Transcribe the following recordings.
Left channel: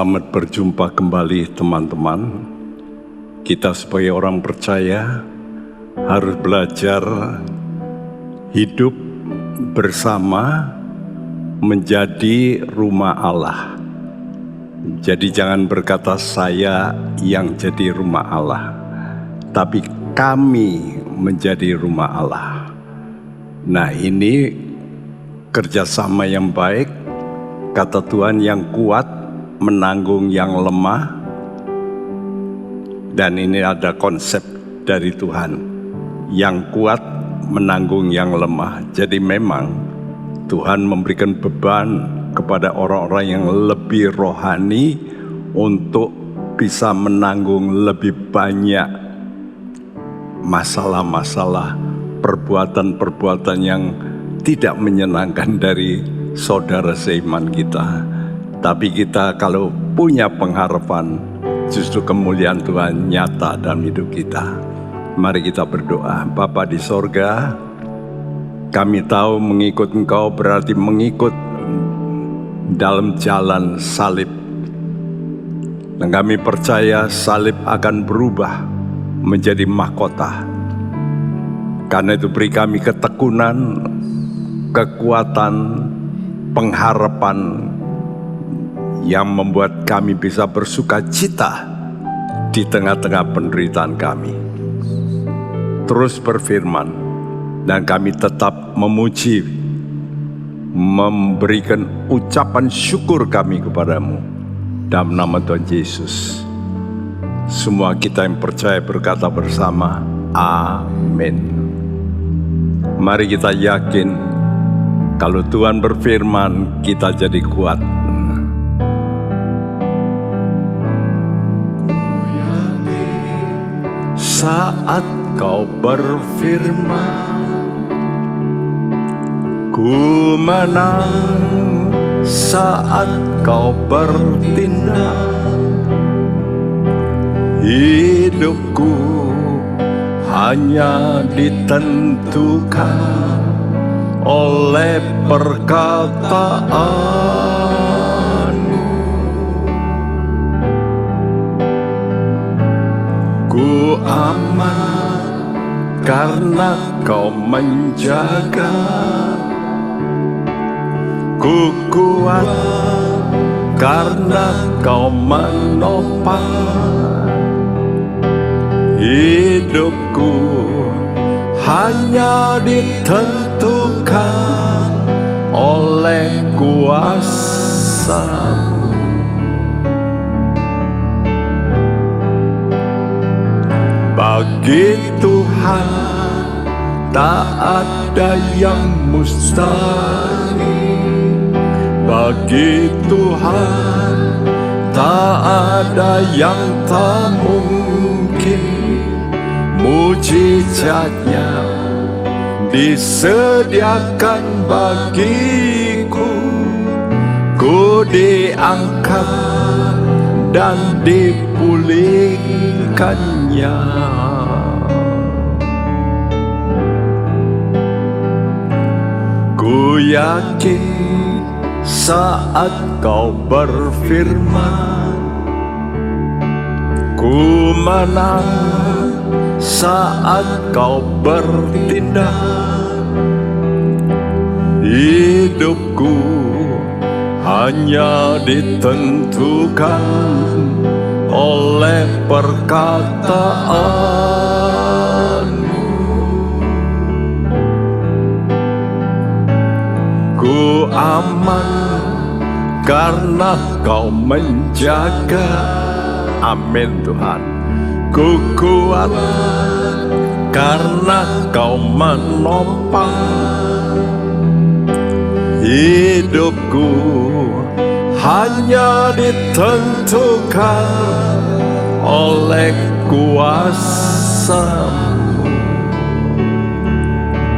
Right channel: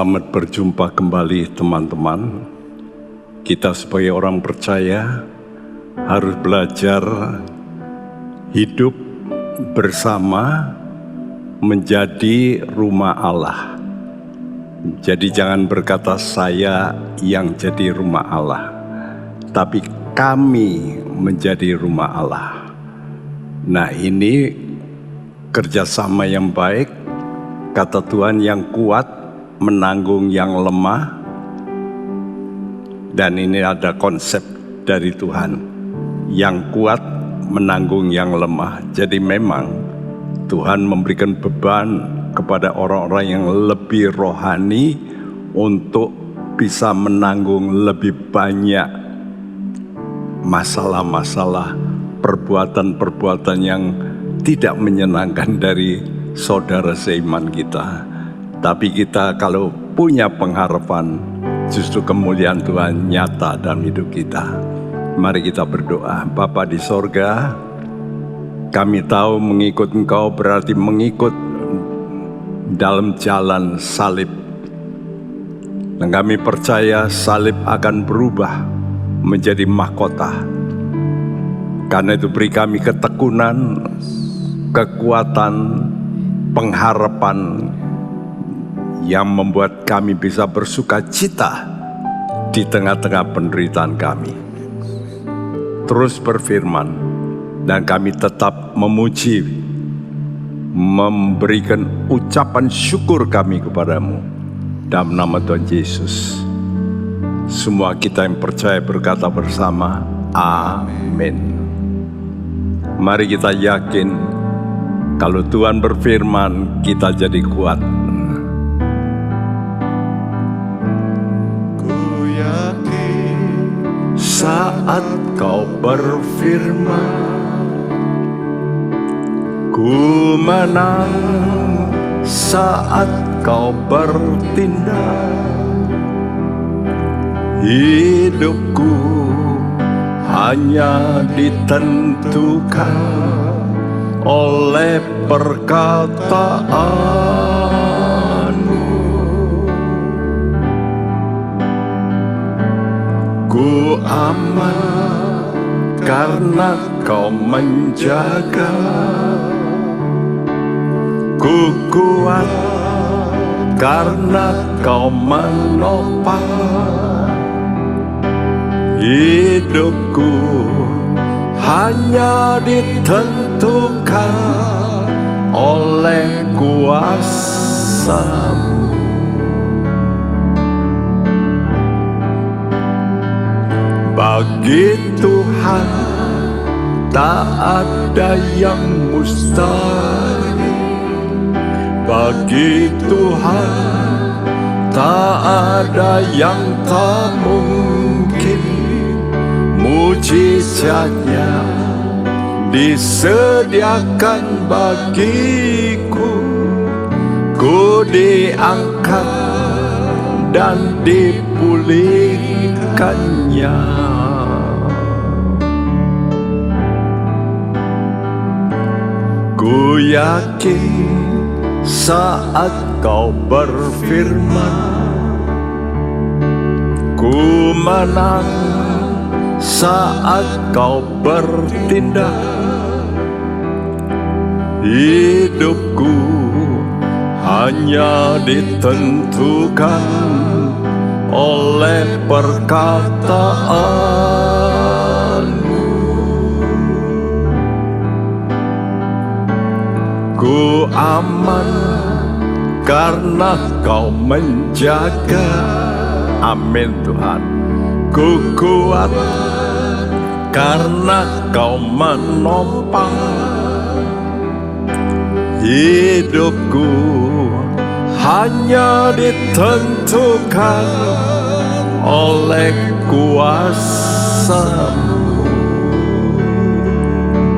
Selamat berjumpa kembali teman-teman. Kita sebagai orang percaya harus belajar hidup bersama menjadi rumah Allah. Jadi jangan berkata saya yang jadi rumah Allah, tapi kami menjadi rumah Allah. Nah, ini kerjasama yang baik. Kata Tuhan, yang kuat menanggung yang lemah. Dan ini ada konsep dari Tuhan, yang kuat menanggung yang lemah. Jadi memang Tuhan memberikan beban kepada orang-orang yang lebih rohani untuk bisa menanggung lebih banyak masalah-masalah, perbuatan-perbuatan yang tidak menyenangkan dari saudara seiman kita. Tapi kita kalau punya pengharapan, justru kemuliaan Tuhan nyata dalam hidup kita. Mari kita berdoa. Bapa di sorga, kami tahu mengikut Engkau berarti mengikut dalam jalan salib. Dan kami percaya salib akan berubah menjadi mahkota. Karena itu beri kami ketekunan, kekuatan, pengharapan yang membuat kami bisa bersuka cita di tengah-tengah penderitaan kami. Terus berfirman, dan kami tetap memuji, memberikan ucapan syukur kami kepadamu dalam nama Tuhan Yesus. Semua kita yang percaya berkata bersama, amin. Mari kita yakin, kalau Tuhan berfirman, kita jadi kuat. Ku yakin saat Kau berfirman, ku menang saat Kau bertindak. Hidupku hanya ditentukan oleh perkataanmu. Ku aman karena Kau menjaga. Ku kuat karena Kau menopang. Hidupku hanya ditentukan oleh kuasa-Mu. Bagi Tuhan tak ada yang mustahil. Bagi Tuhan tak ada yang tak mungkin. Mujizatnya disediakan bagiku. Ku diangkat dan dipulihkannya. Ku yakin saat Kau berfirman, ku menang saat Kau bertindak. Hidupku hanya ditentukan oleh perkataan-Mu. Ku aman karena Kau menjaga. Amin Tuhan. Ku kuat karena Kau menopang. Hidupku hanya ditentukan oleh kuasa-Mu.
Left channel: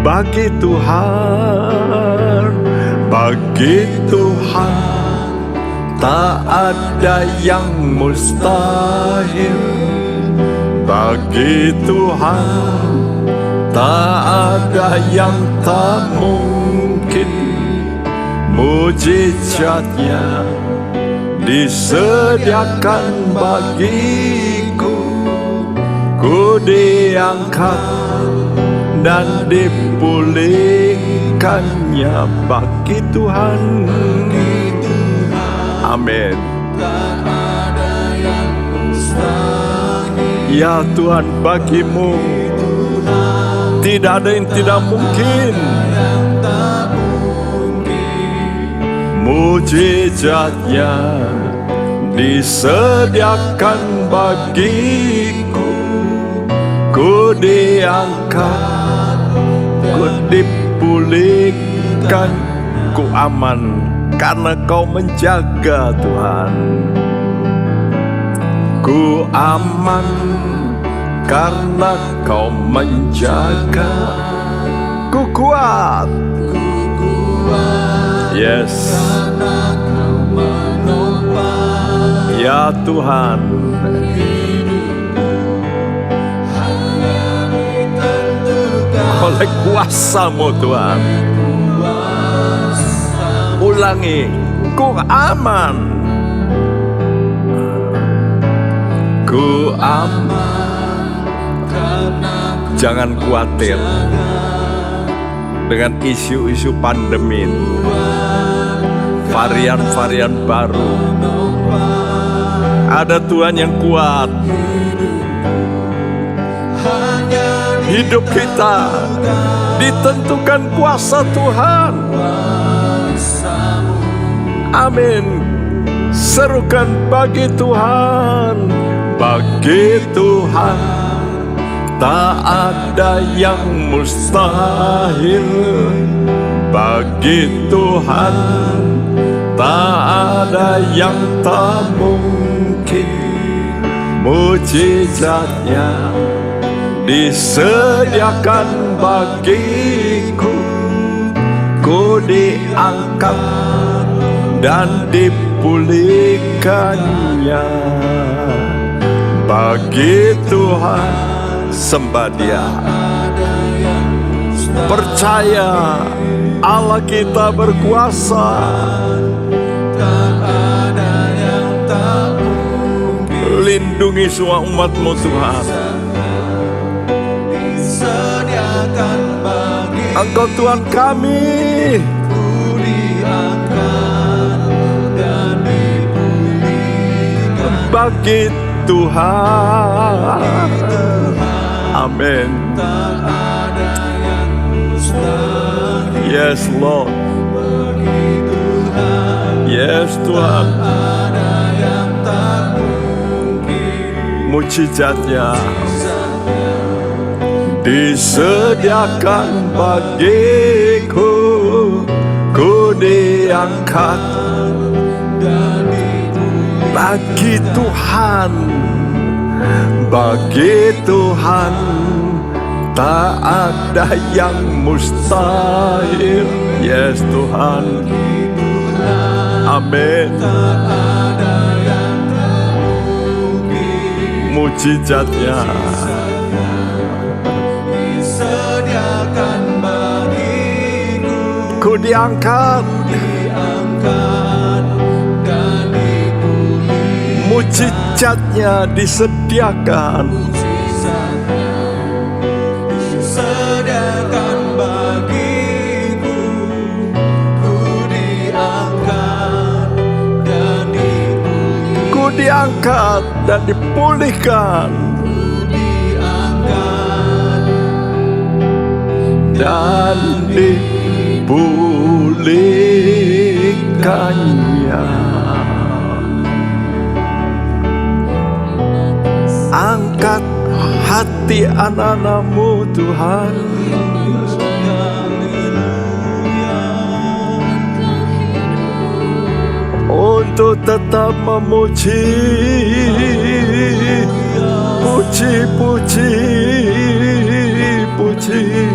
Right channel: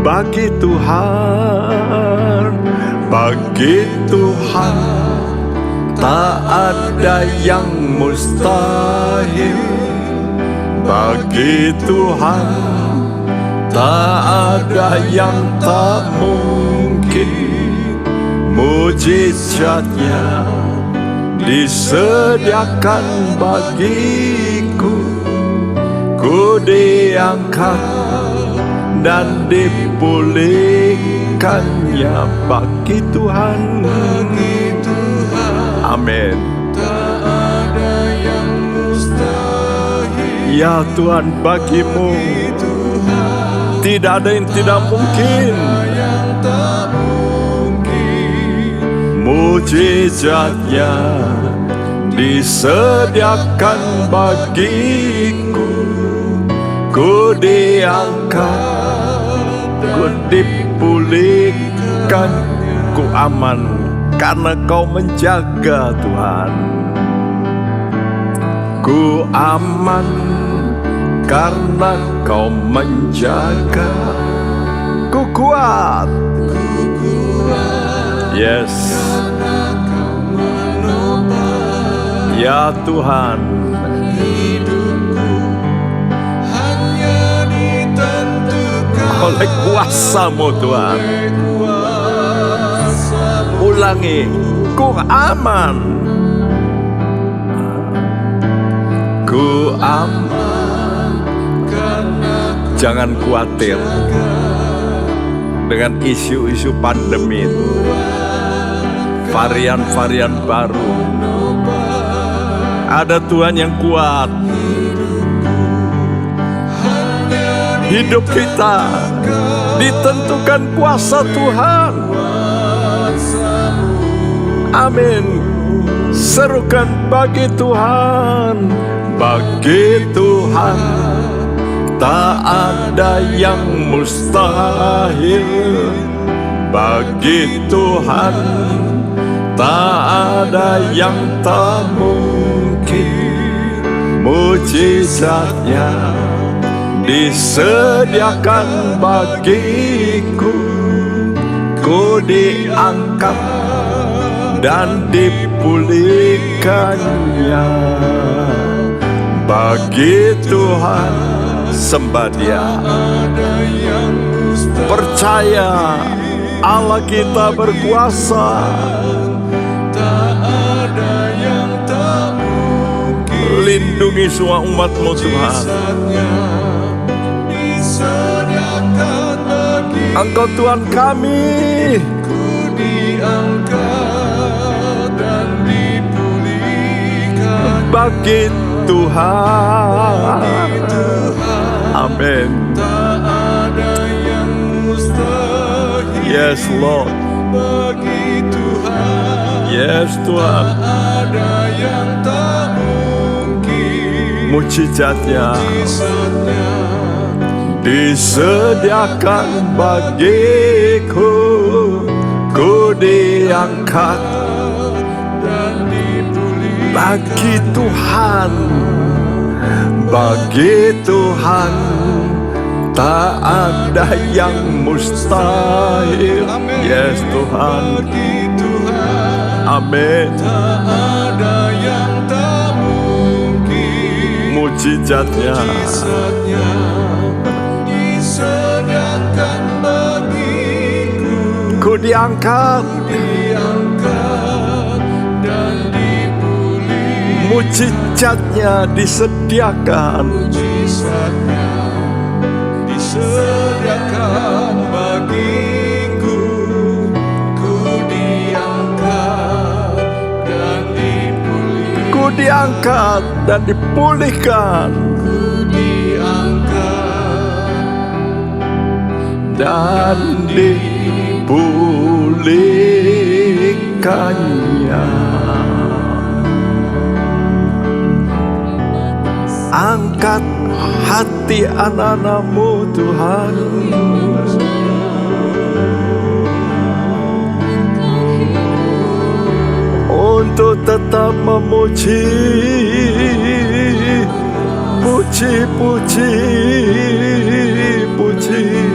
Bagi Tuhan tak ada yang mustahil. Bagi Tuhan tak ada yang tak mungkin. Mujizatnya disediakan bagiku, ku diangkat dan dipulihkannya bagi Tuhan. Amin. Ya Tuhan, bagimu tidak ada yang tidak mungkin. Mujizatnya disediakan bagiku, ku diangkat, ku dipulihkan, ku aman karena Kau menjaga Tuhan. Ku aman karena Kau menjaga. Ku kuat. Yes. Ya Tuhan, oleh kuasa-Mu Tuhan, ulangi, ku aman, ku aman. Jangan khawatir dengan isu-isu pandemi, varian-varian baru. Ada Tuhan yang kuat. Hidup kita ditentukan kuasa Tuhan. Amin. Serukan bagi Tuhan, bagi Tuhan tak ada yang mustahil. Bagi Tuhan tak ada yang tak mungkin. Mujizatnya disediakan bagiku, ku diangkat dan dipulihkannya. Bagi Tuhan sembah Dia. Percaya Allah kita berkuasa. Lindungi semua umat-Mu Tuhan. Engkau Tuhan kami. Bagi Tuhan. Amin. Yes Lord. Yes Tuhan. Mujizatnya disediakan bagiku, ku diangkat. Bagi Tuhan, bagi Tuhan tak ada yang mustahil. Yes Tuhan. Amin. Mujizatnya disediakan bagiku, ku diangkat dan dipulihkan. Mujizatnya disediakan bagiku, ku diangkat dan dipulihkan. Ku diangkat dan dipulihkan. Dan dipulihkannya. Angkat hati anak-anak-Mu Tuhan. Untuk tetap memuji, puji, puji, puji.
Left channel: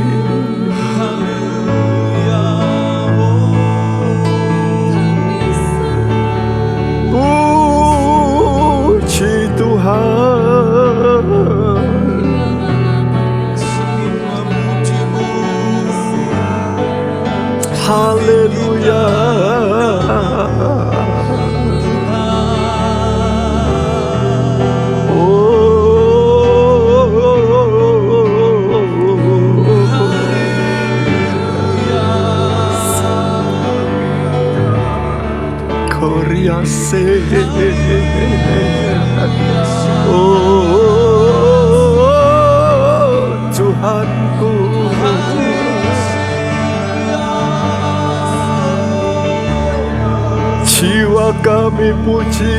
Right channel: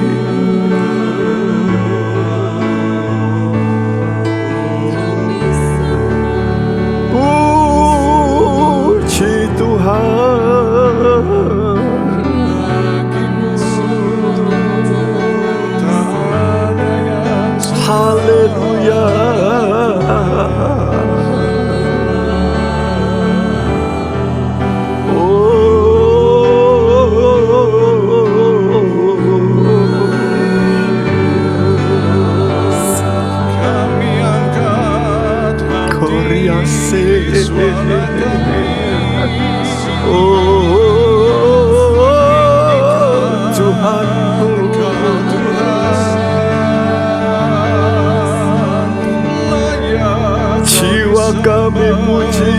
Puji Tuhan. Haleluya. kasih. Oh Tuhanku, jiwa kami puji,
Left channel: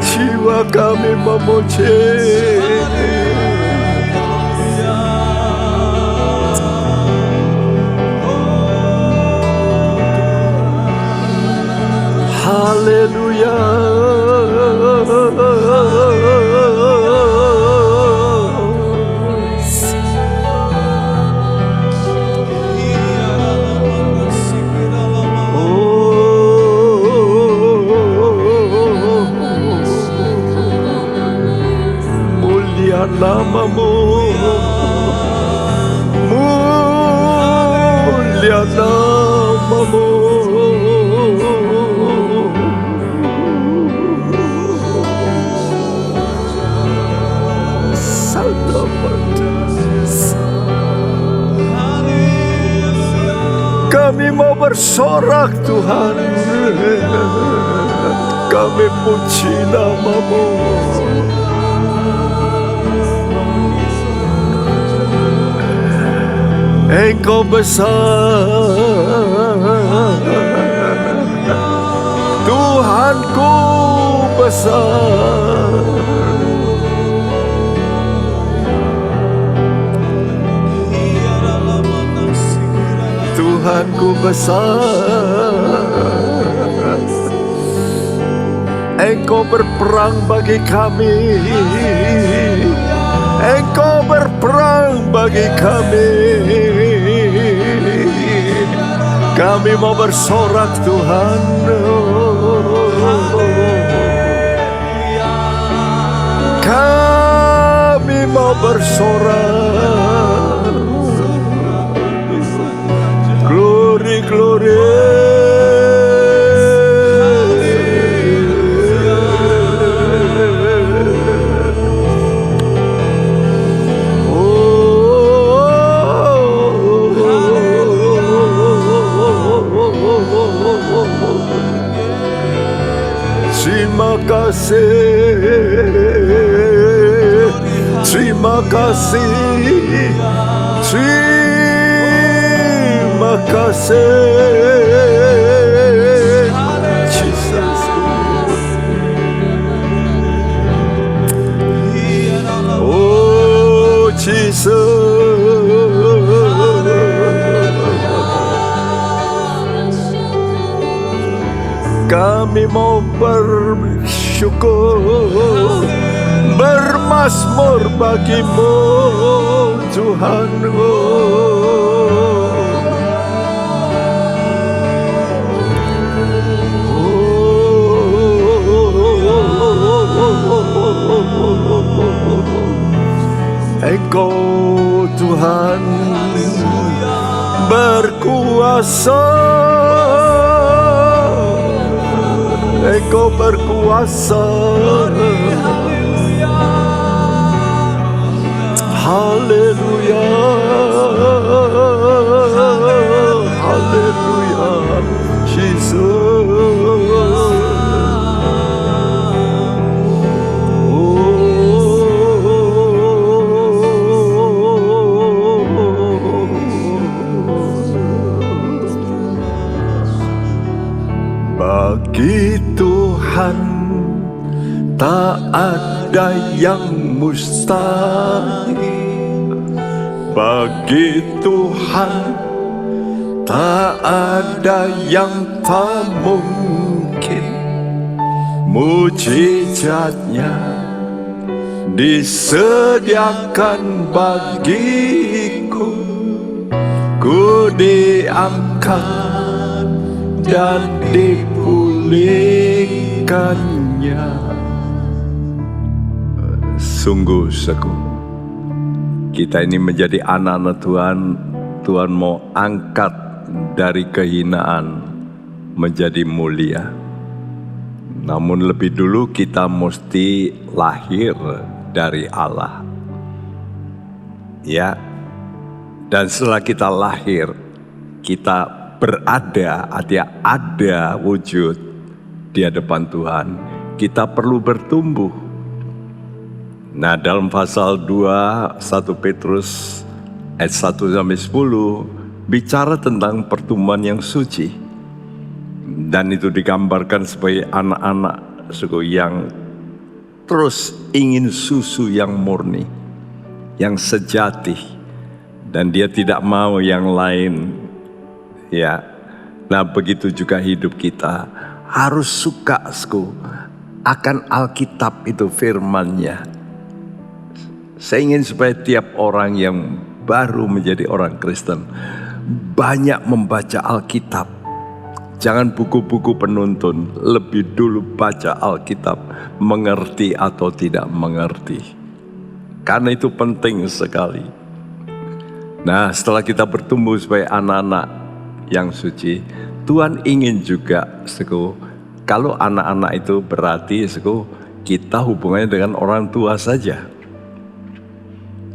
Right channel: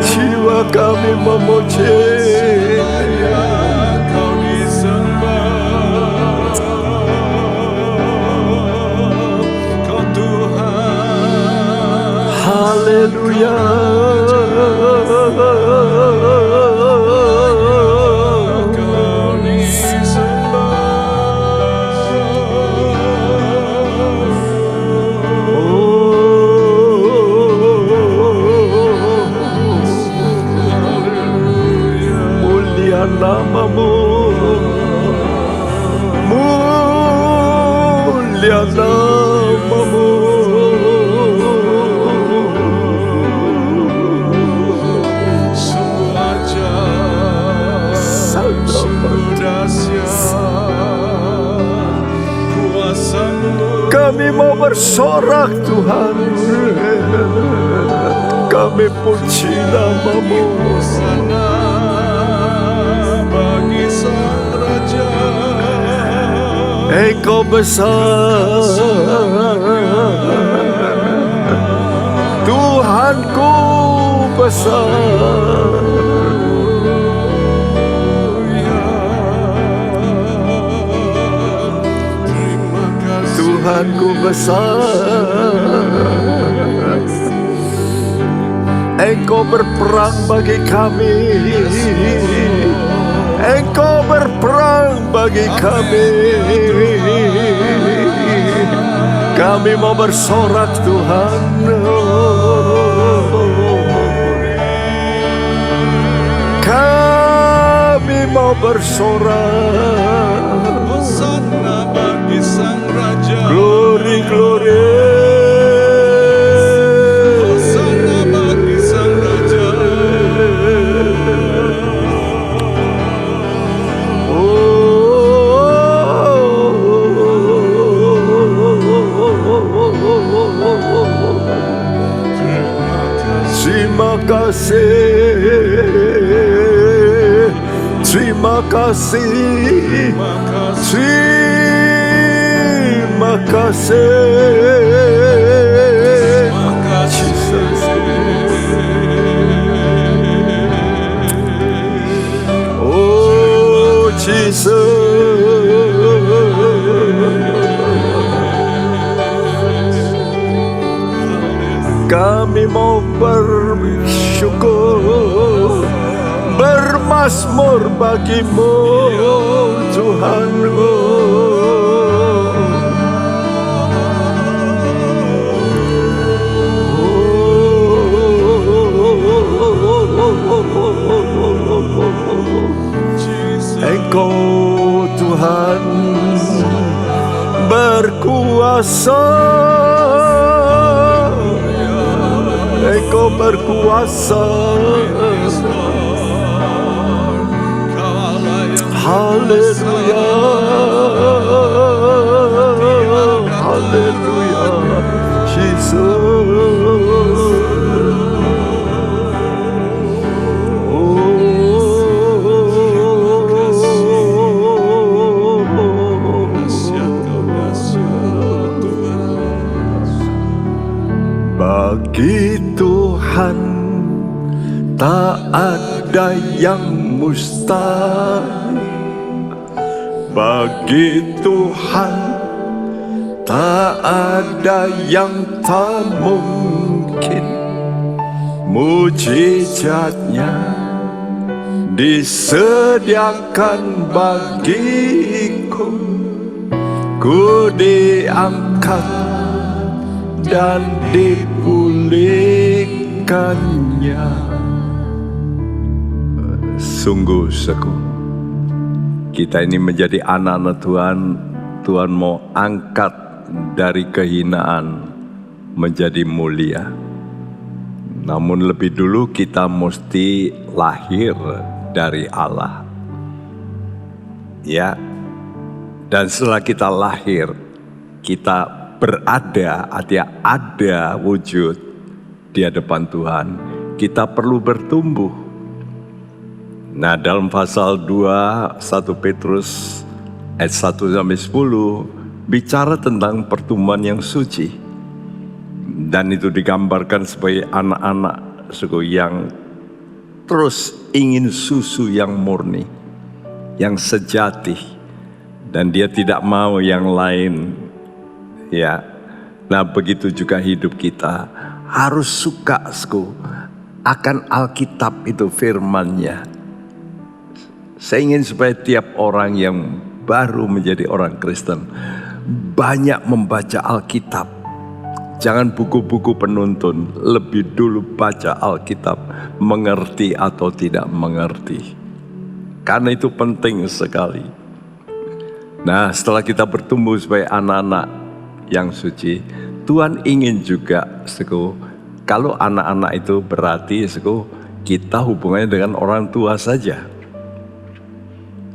jiwa kami memuji. Haleluya. Mulia namamu, mulia namamu. Kami mau bersorak Tuhan, kami puji namamu. Engkau besar, Tuhanku besar. Tuhanku besar, Engkau berperang bagi kami, Engkau berperang bagi kami. Kami mau bersorak Tuhan, kami mau bersorak. Glory, glory. Terima kasih, terima kasih, terima kasih, Jesus. Oh Jesus. Kami mau bersyukur, bermazmur bagimu Tuhan. Engkau Tuhan berkuasa, Engkau berkuasa. Haleluya, haleluya, Jesus. Bagi Tuhan tak ada yang mustahil. Bagi Tuhan tak ada yang tak mungkin. Mujizatnya disediakan bagiku. Ku diangkat dan dipulihkannya. Sungguh kita ini menjadi anak-anak Tuhan. Tuhan mau angkat dari kehinaan menjadi mulia. Namun lebih dulu kita mesti lahir dari Allah. Ya, Dan setelah kita lahir, kita ada wujud di hadapan Tuhan, kita perlu bertumbuh. Nah, dalam pasal 2, 1 Petrus ayat 1-10, bicara tentang pertumbuhan yang suci. Dan itu digambarkan sebagai anak-anak yang terus ingin susu yang murni, yang sejati, dan dia tidak mau yang lain. Ya, nah begitu juga hidup kita harus suka akan Alkitab itu, firman-Nya. Saya ingin supaya tiap orang yang baru menjadi orang Kristen banyak membaca Alkitab. Jangan buku-buku penuntun, lebih dulu baca Alkitab, mengerti atau tidak mengerti. Karena itu penting sekali. Nah, setelah kita bertumbuh sebagai anak-anak yang suci, Tuhan ingin juga kalau anak-anak itu berarti kita hubungannya dengan orang tua saja.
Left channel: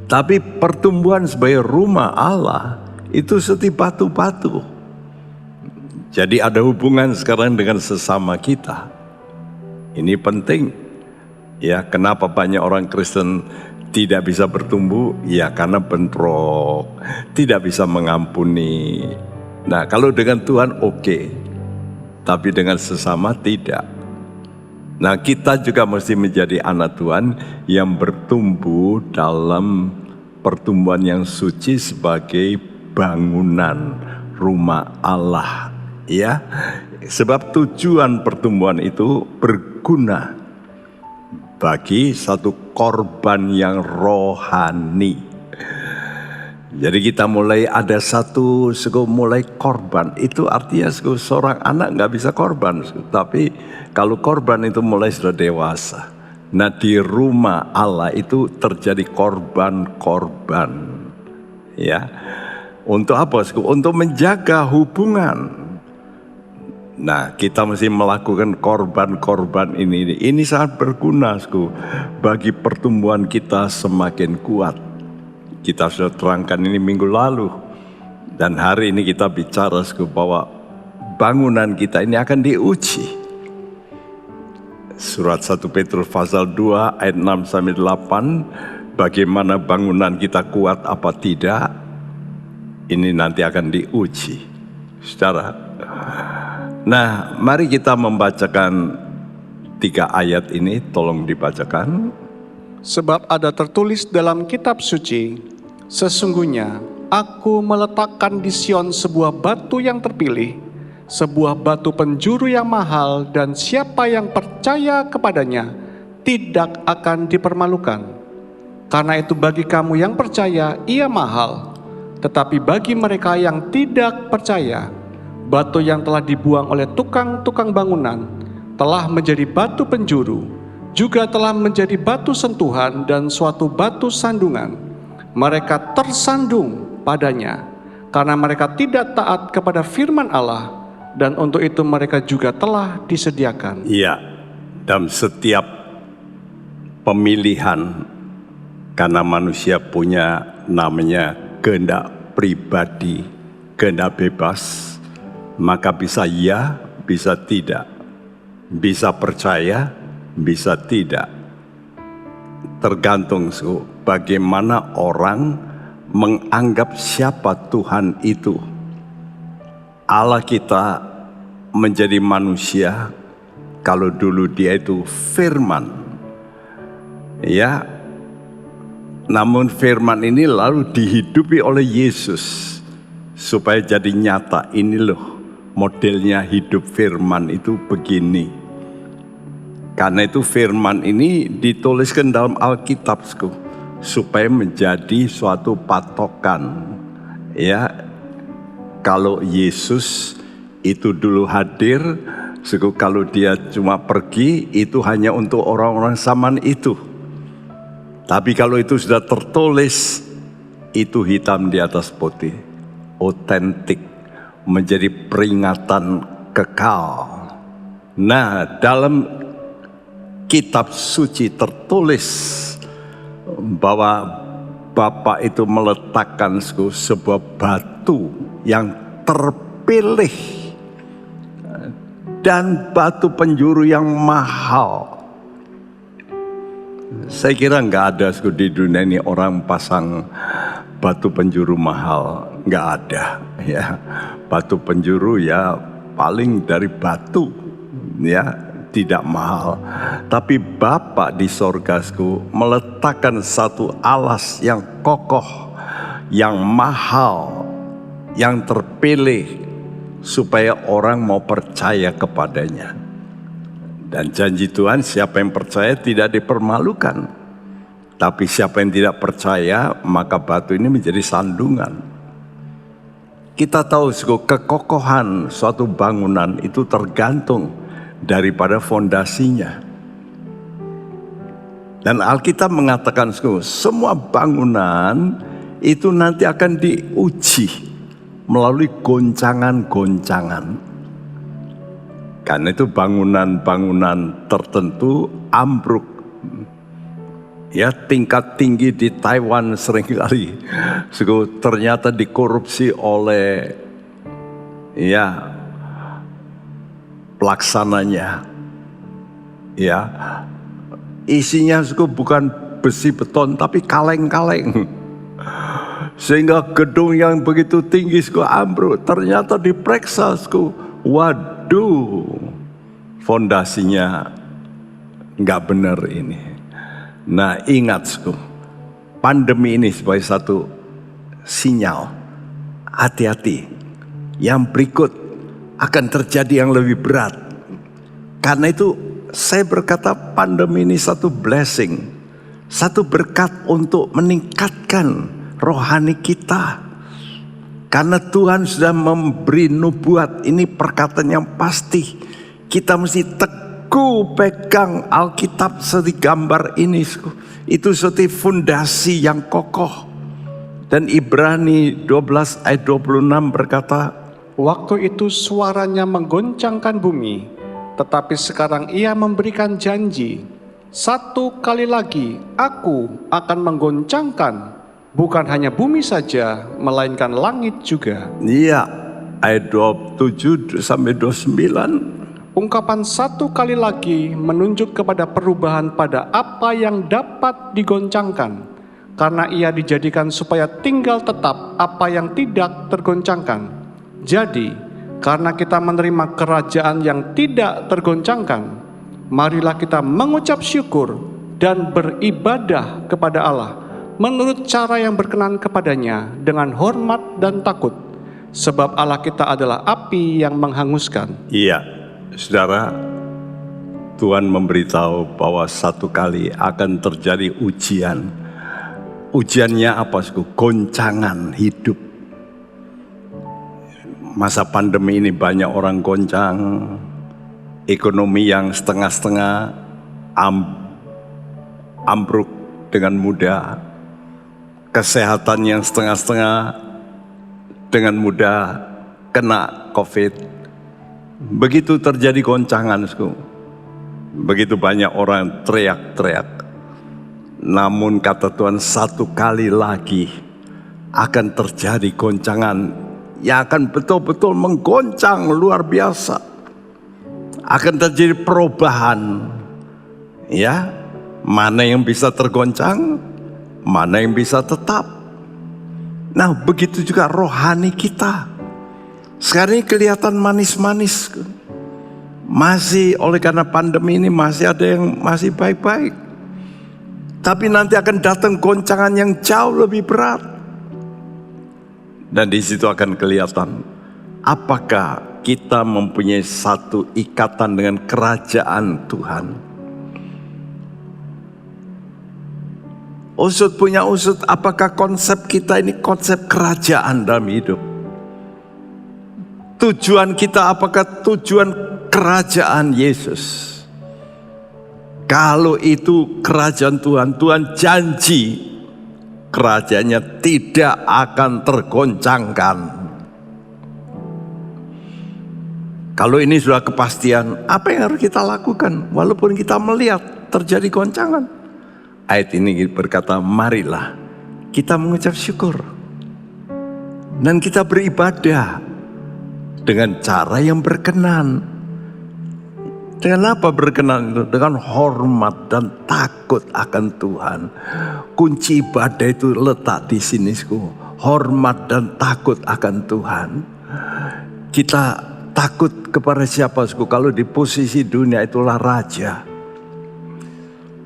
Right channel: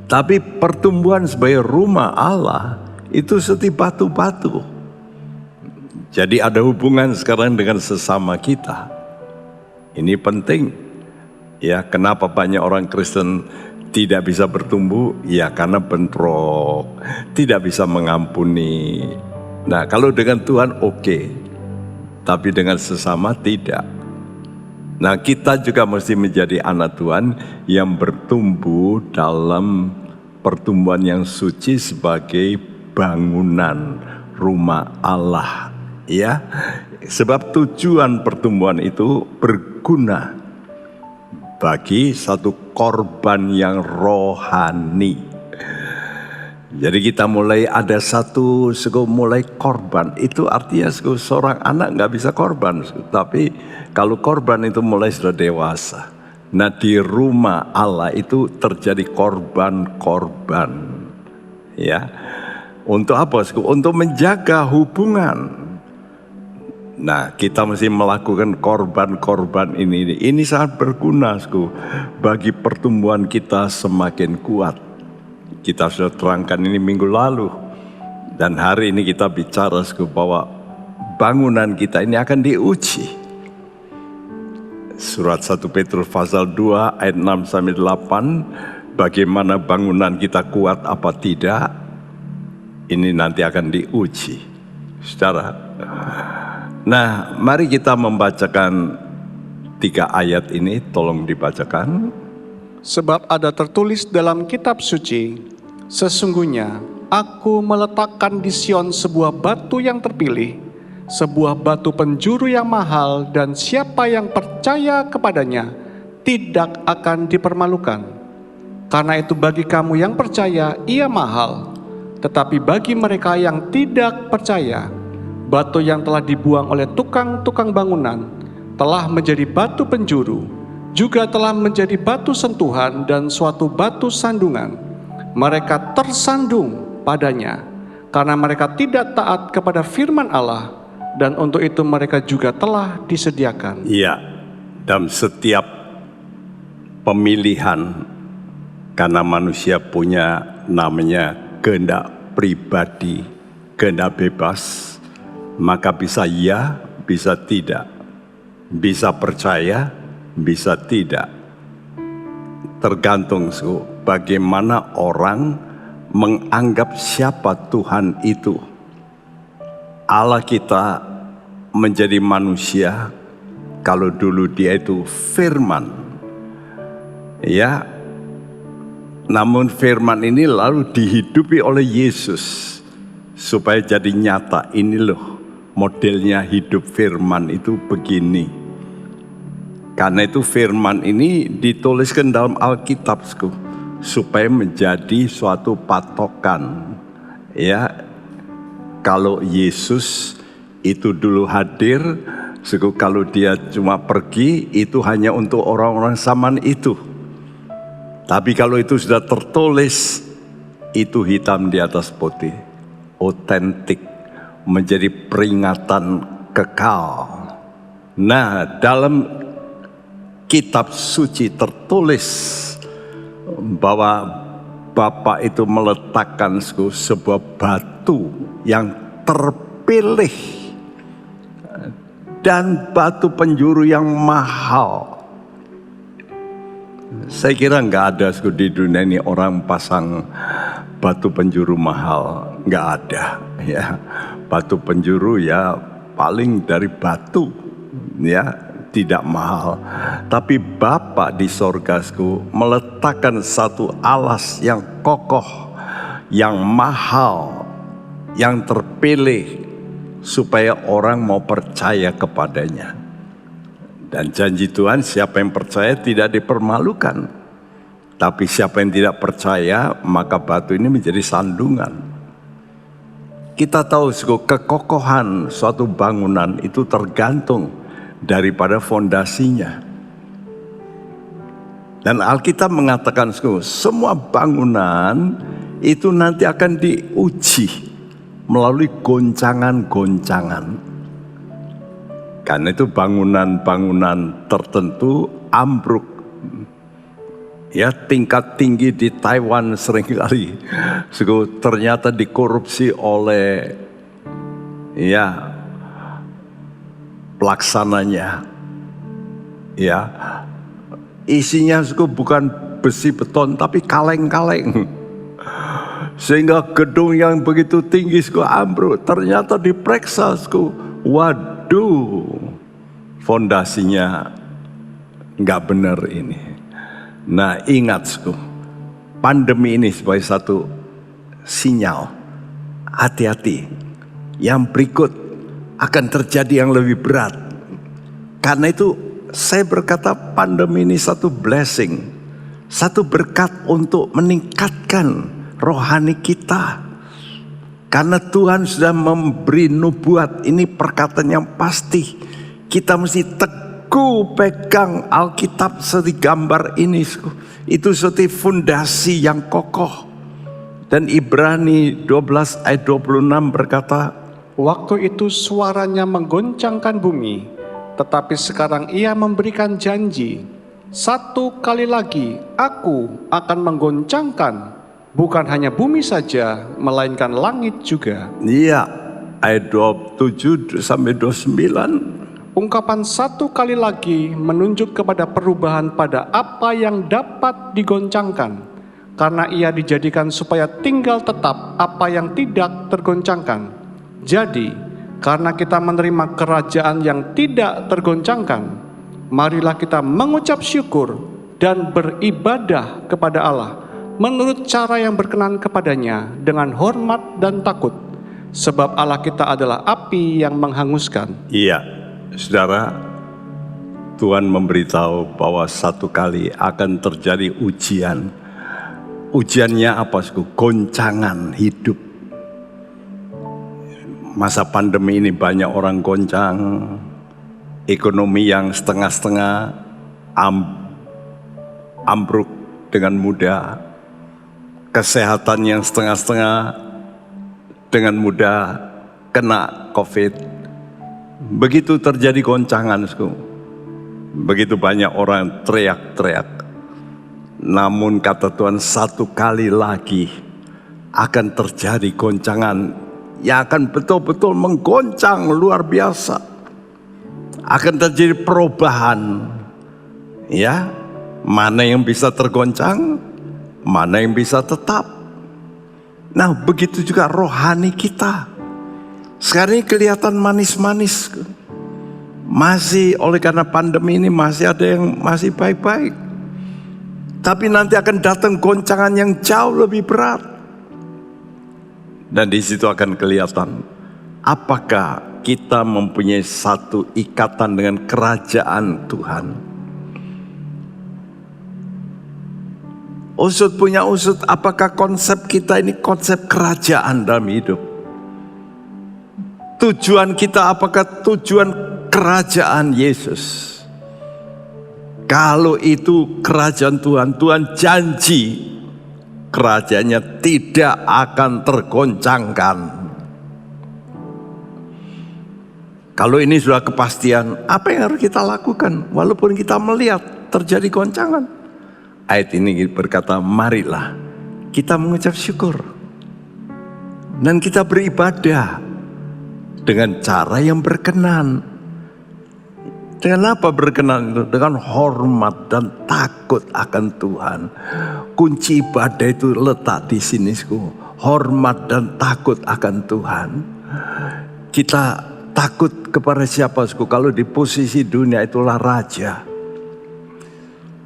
Tapi pertumbuhan sebagai rumah Allah itu seperti batu-batu. Jadi ada hubungan sekarang dengan sesama kita. Ini penting. Ya, kenapa banyak orang Kristen tidak bisa bertumbuh? Ya, karena bentrok, tidak bisa mengampuni. Nah, kalau dengan Tuhan oke, tapi dengan sesama tidak. Nah, kita juga mesti menjadi anak Tuhan yang bertumbuh dalam pertumbuhan yang suci sebagai bangunan rumah Allah. Ya, sebab tujuan pertumbuhan itu berguna bagi satu korban yang rohani. Jadi kita mulai ada mulai korban. Itu artinya seorang anak nggak bisa korban. Tapi kalau korban itu mulai sudah dewasa. Nah, di rumah Allah itu terjadi korban-korban. Ya, untuk apa? Untuk menjaga hubungan. Nah, kita mesti melakukan korban-korban ini. Ini sangat berguna bagi pertumbuhan kita semakin kuat. Kita sudah terangkan ini minggu lalu. Dan hari ini kita bicara bahwa bangunan kita ini akan diuji. Surat 1 Petrus pasal 2 ayat 6-8. Bagaimana bangunan kita kuat apa tidak. Ini nanti akan diuji. Nah, mari kita membacakan 3 ayat ini, tolong dibacakan. Sebab ada tertulis dalam kitab suci, sesungguhnya aku meletakkan di Sion sebuah batu yang terpilih, sebuah batu penjuru yang mahal, dan siapa yang percaya kepadanya tidak akan dipermalukan. Karena itu bagi kamu yang percaya ia mahal, tetapi bagi mereka yang tidak percaya, batu yang telah dibuang oleh tukang-tukang bangunan telah menjadi batu penjuru, juga telah menjadi batu sentuhan dan suatu batu sandungan. Mereka tersandung padanya, karena mereka tidak taat kepada firman Allah, dan untuk itu mereka juga telah disediakan. Iya, dalam setiap pemilihan, karena manusia punya namanya kehendak pribadi, kehendak bebas, maka bisa ya, bisa tidak. Bisa percaya, bisa tidak. Tergantung bagaimana orang menganggap siapa Tuhan itu. Allah kita menjadi manusia, kalau dulu dia itu firman. Ya, namun firman ini lalu dihidupi oleh Yesus supaya jadi nyata. Ini loh modelnya hidup firman itu begini. Karena itu firman ini dituliskan dalam Alkitab supaya menjadi suatu patokan. Ya, kalau Yesus itu dulu hadir, kalau dia cuma pergi itu hanya untuk orang-orang zaman itu. Tapi kalau itu sudah tertulis, itu hitam di atas putih, otentik, menjadi peringatan kekal. Nah, dalam kitab suci tertulis bahwa Bapa itu meletakkan sebuah batu yang terpilih dan batu penjuru yang mahal. Saya kira nggak ada di dunia ini orang pasang batu penjuru mahal, nggak ada ya. Batu penjuru ya paling dari batu ya, tidak mahal. Tapi Bapa di sorga meletakkan satu alas yang kokoh, yang mahal, yang terpilih supaya orang mau percaya kepadanya. Dan janji Tuhan, siapa yang percaya tidak dipermalukan. Tapi siapa yang tidak percaya, maka batu ini menjadi sandungan. Kita tahu kekokohan suatu bangunan itu tergantung daripada fondasinya. Dan Alkitab mengatakan semua bangunan itu nanti akan diuji melalui goncangan-goncangan. Karena itu bangunan-bangunan tertentu ambruk. Ya, tingkat tinggi di Taiwan seringkali ternyata dikorupsi oleh ya pelaksananya. Ya, isinya bukan besi beton tapi kaleng-kaleng. Sehingga gedung yang begitu tinggi ambruk, ternyata diperiksa waduh, fondasinya nggak benar ini. Nah, ingat pandemi ini sebagai satu sinyal, hati-hati. Yang berikut akan terjadi yang lebih berat. Karena itu saya berkata pandemi ini satu blessing, satu berkat untuk meningkatkan rohani kita. Karena Tuhan sudah memberi nubuat, ini perkataan yang pasti. Kita mesti teguh pegang Alkitab seperti gambar ini. Itu seperti fondasi yang kokoh. Dan Ibrani 12 ayat 26 berkata, waktu itu suaranya menggoncangkan bumi, tetapi sekarang ia memberikan janji, satu kali lagi aku akan menggoncangkan, bukan hanya bumi saja, melainkan langit juga. Iya, ayat 27 sampai 29. Ungkapan satu kali lagi menunjuk kepada perubahan pada apa yang dapat digoncangkan, karena ia dijadikan supaya tinggal tetap apa yang tidak tergoncangkan. Jadi, karena kita menerima kerajaan yang tidak tergoncangkan, marilah kita mengucap syukur dan beribadah kepada Allah menurut cara yang berkenan kepadanya dengan hormat dan takut, sebab Allah kita adalah api yang menghanguskan. Iya, saudara, Tuhan memberitahu bahwa satu kali akan terjadi ujian. Ujiannya apa? Goncangan hidup. Masa pandemi ini banyak orang goncang, ekonomi yang setengah-setengah ambruk dengan mudah, kesehatan yang setengah-setengah dengan mudah kena COVID. Begitu terjadi goncangan, begitu banyak orang teriak-teriak. Namun kata Tuhan, satu kali lagi akan terjadi goncangan yang akan betul-betul menggoncang luar biasa. Akan terjadi perubahan. Ya, mana yang bisa tergoncang, mana yang bisa tetap. Nah, begitu juga rohani kita. Sekarang ini kelihatan manis-manis. Masih oleh karena pandemi ini masih ada yang masih baik-baik. Tapi nanti akan datang goncangan yang jauh lebih berat. Dan di situ akan kelihatan apakah kita mempunyai satu ikatan dengan kerajaan Tuhan. Usut punya usut, apakah konsep kita ini konsep kerajaan dalam hidup? Tujuan kita apakah tujuan kerajaan Yesus? Kalau itu kerajaan Tuhan, Tuhan janji kerajaannya tidak akan tergoncangkan. Kalau ini sudah kepastian, apa yang harus kita lakukan? Walaupun kita melihat terjadi goncangan. Ayat ini berkata, marilah kita mengucap syukur. Dan kita beribadah dengan cara yang berkenan. Dengan apa berkenan itu? Dengan hormat dan takut akan Tuhan. Kunci ibadah itu letak di sini. Hormat dan takut akan Tuhan. Kita takut kepada siapa? Kalau di posisi dunia itulah raja.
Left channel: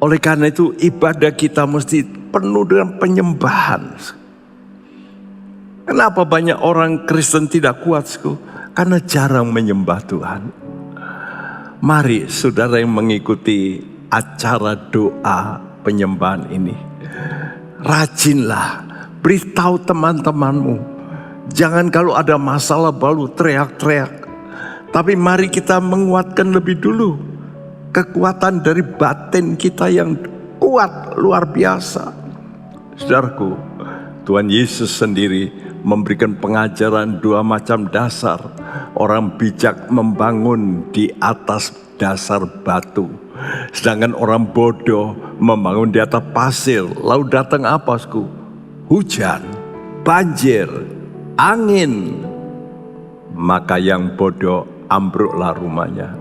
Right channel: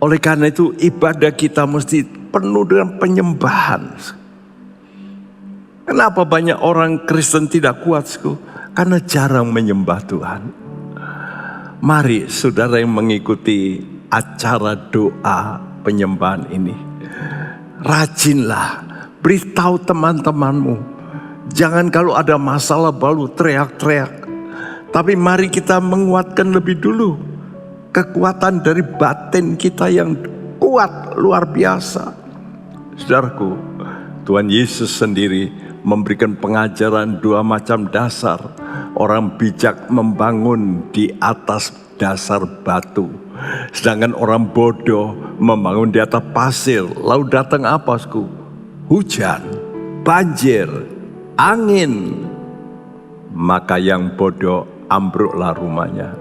Oleh karena itu ibadah kita mesti penuh dengan penyembahan. Kenapa banyak orang Kristen tidak kuat? Karena jarang menyembah Tuhan. Mari saudara yang mengikuti acara doa penyembahan ini, rajinlah, beritahu teman-temanmu. Jangan kalau ada masalah baru teriak-teriak. Tapi mari kita menguatkan lebih dulu kekuatan dari batin kita yang kuat luar biasa. Saudaraku, Tuhan Yesus sendiri memberikan pengajaran 2 macam dasar. Orang bijak membangun di atas dasar batu. Sedangkan orang bodoh membangun di atas pasir. Lalu datang apa? Hujan, banjir, angin. Maka yang bodoh ambruklah rumahnya.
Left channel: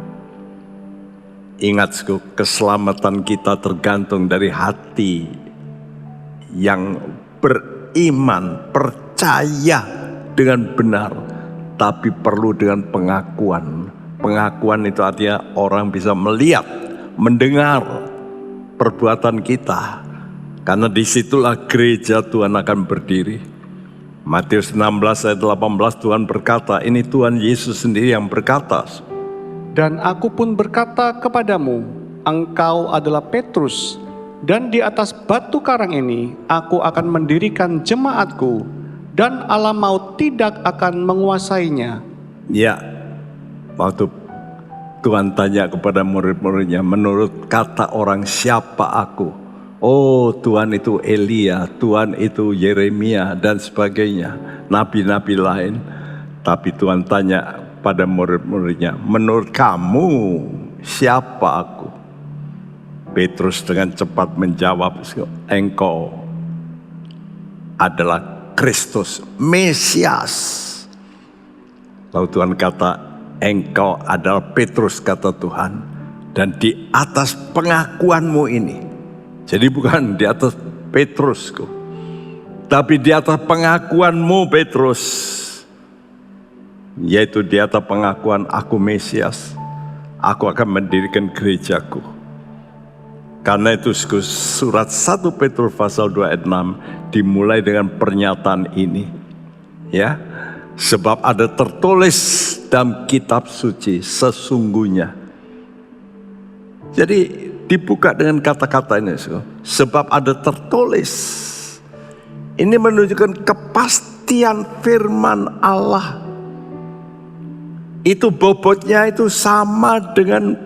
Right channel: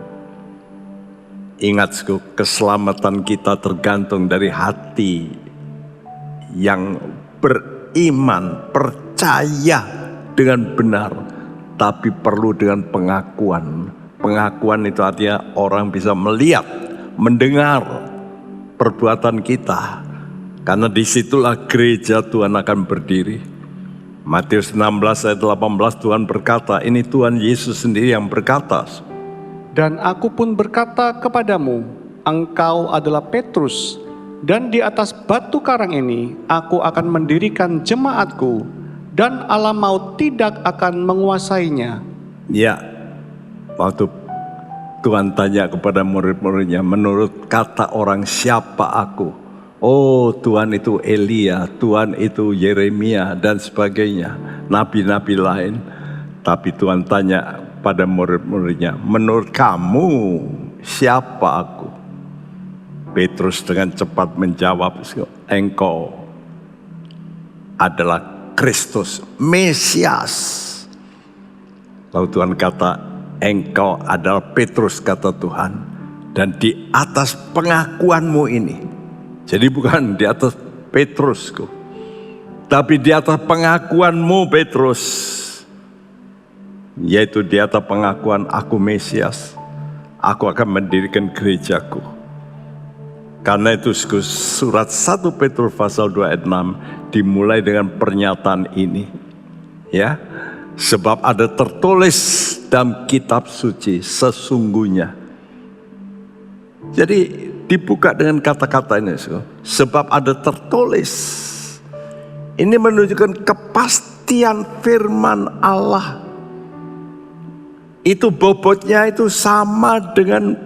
Ingat, keselamatan kita tergantung dari hati yang beriman, percaya dengan benar. Tapi perlu dengan pengakuan. Pengakuan itu artinya orang bisa melihat, mendengar perbuatan kita. Karena disitulah gereja Tuhan akan berdiri. Matius 16 ayat 18 Tuhan berkata, ini Tuhan Yesus sendiri yang berkata. Dan aku pun berkata kepadamu, engkau adalah Petrus, dan di atas batu karang ini aku akan mendirikan jemaatku, dan alam maut tidak akan menguasainya. Ya, waktu Tuhan tanya kepada murid-muridnya, menurut kata orang siapa aku? Oh, Tuhan itu Elia, Tuhan itu Yeremia dan sebagainya, nabi-nabi lain. Tapi Tuhan tanya pada murid-muridnya, menurut kamu siapa aku? Petrus dengan cepat menjawab, engkau adalah Kristus, Mesias. Lalu Tuhan kata, engkau adalah Petrus, kata Tuhan. Dan di atas pengakuanmu ini, jadi bukan di atas Petrusku, tapi di atas pengakuanmu Petrus, yaitu di atas pengakuan aku Mesias, aku akan mendirikan gerejaku. Karena itu surat 1 Petrus pasal 2 ayat 6 dimulai dengan pernyataan ini. Ya, sebab ada tertulis dalam kitab suci sesungguhnya. Jadi dibuka dengan kata-kata ini. Sebab ada tertulis. Ini menunjukkan kepastian firman Allah. Itu bobotnya itu sama dengan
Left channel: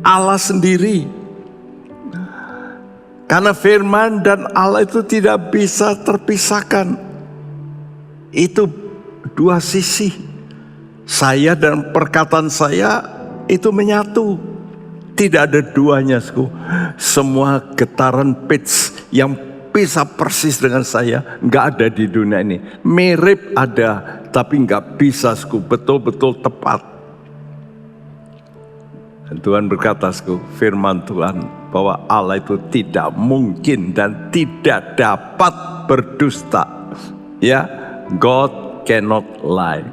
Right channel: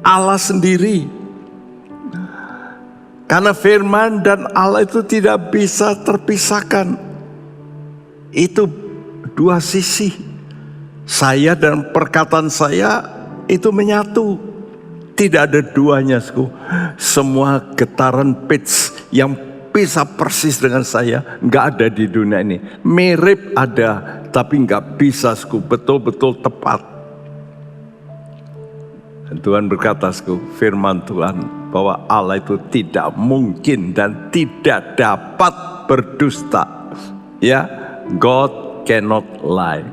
Allah sendiri. Karena firman dan Allah itu tidak bisa terpisahkan. Itu dua sisi. Saya dan perkataan saya itu menyatu. Tidak ada duanya. Semua getaran pitch yang bisa persis dengan saya nggak ada di dunia ini. Mirip ada, tapi nggak bisa betul-betul tepat. Dan Tuhan berkata, firman Tuhan, bahwa Allah itu tidak mungkin dan tidak dapat berdusta. Ya, God cannot lie.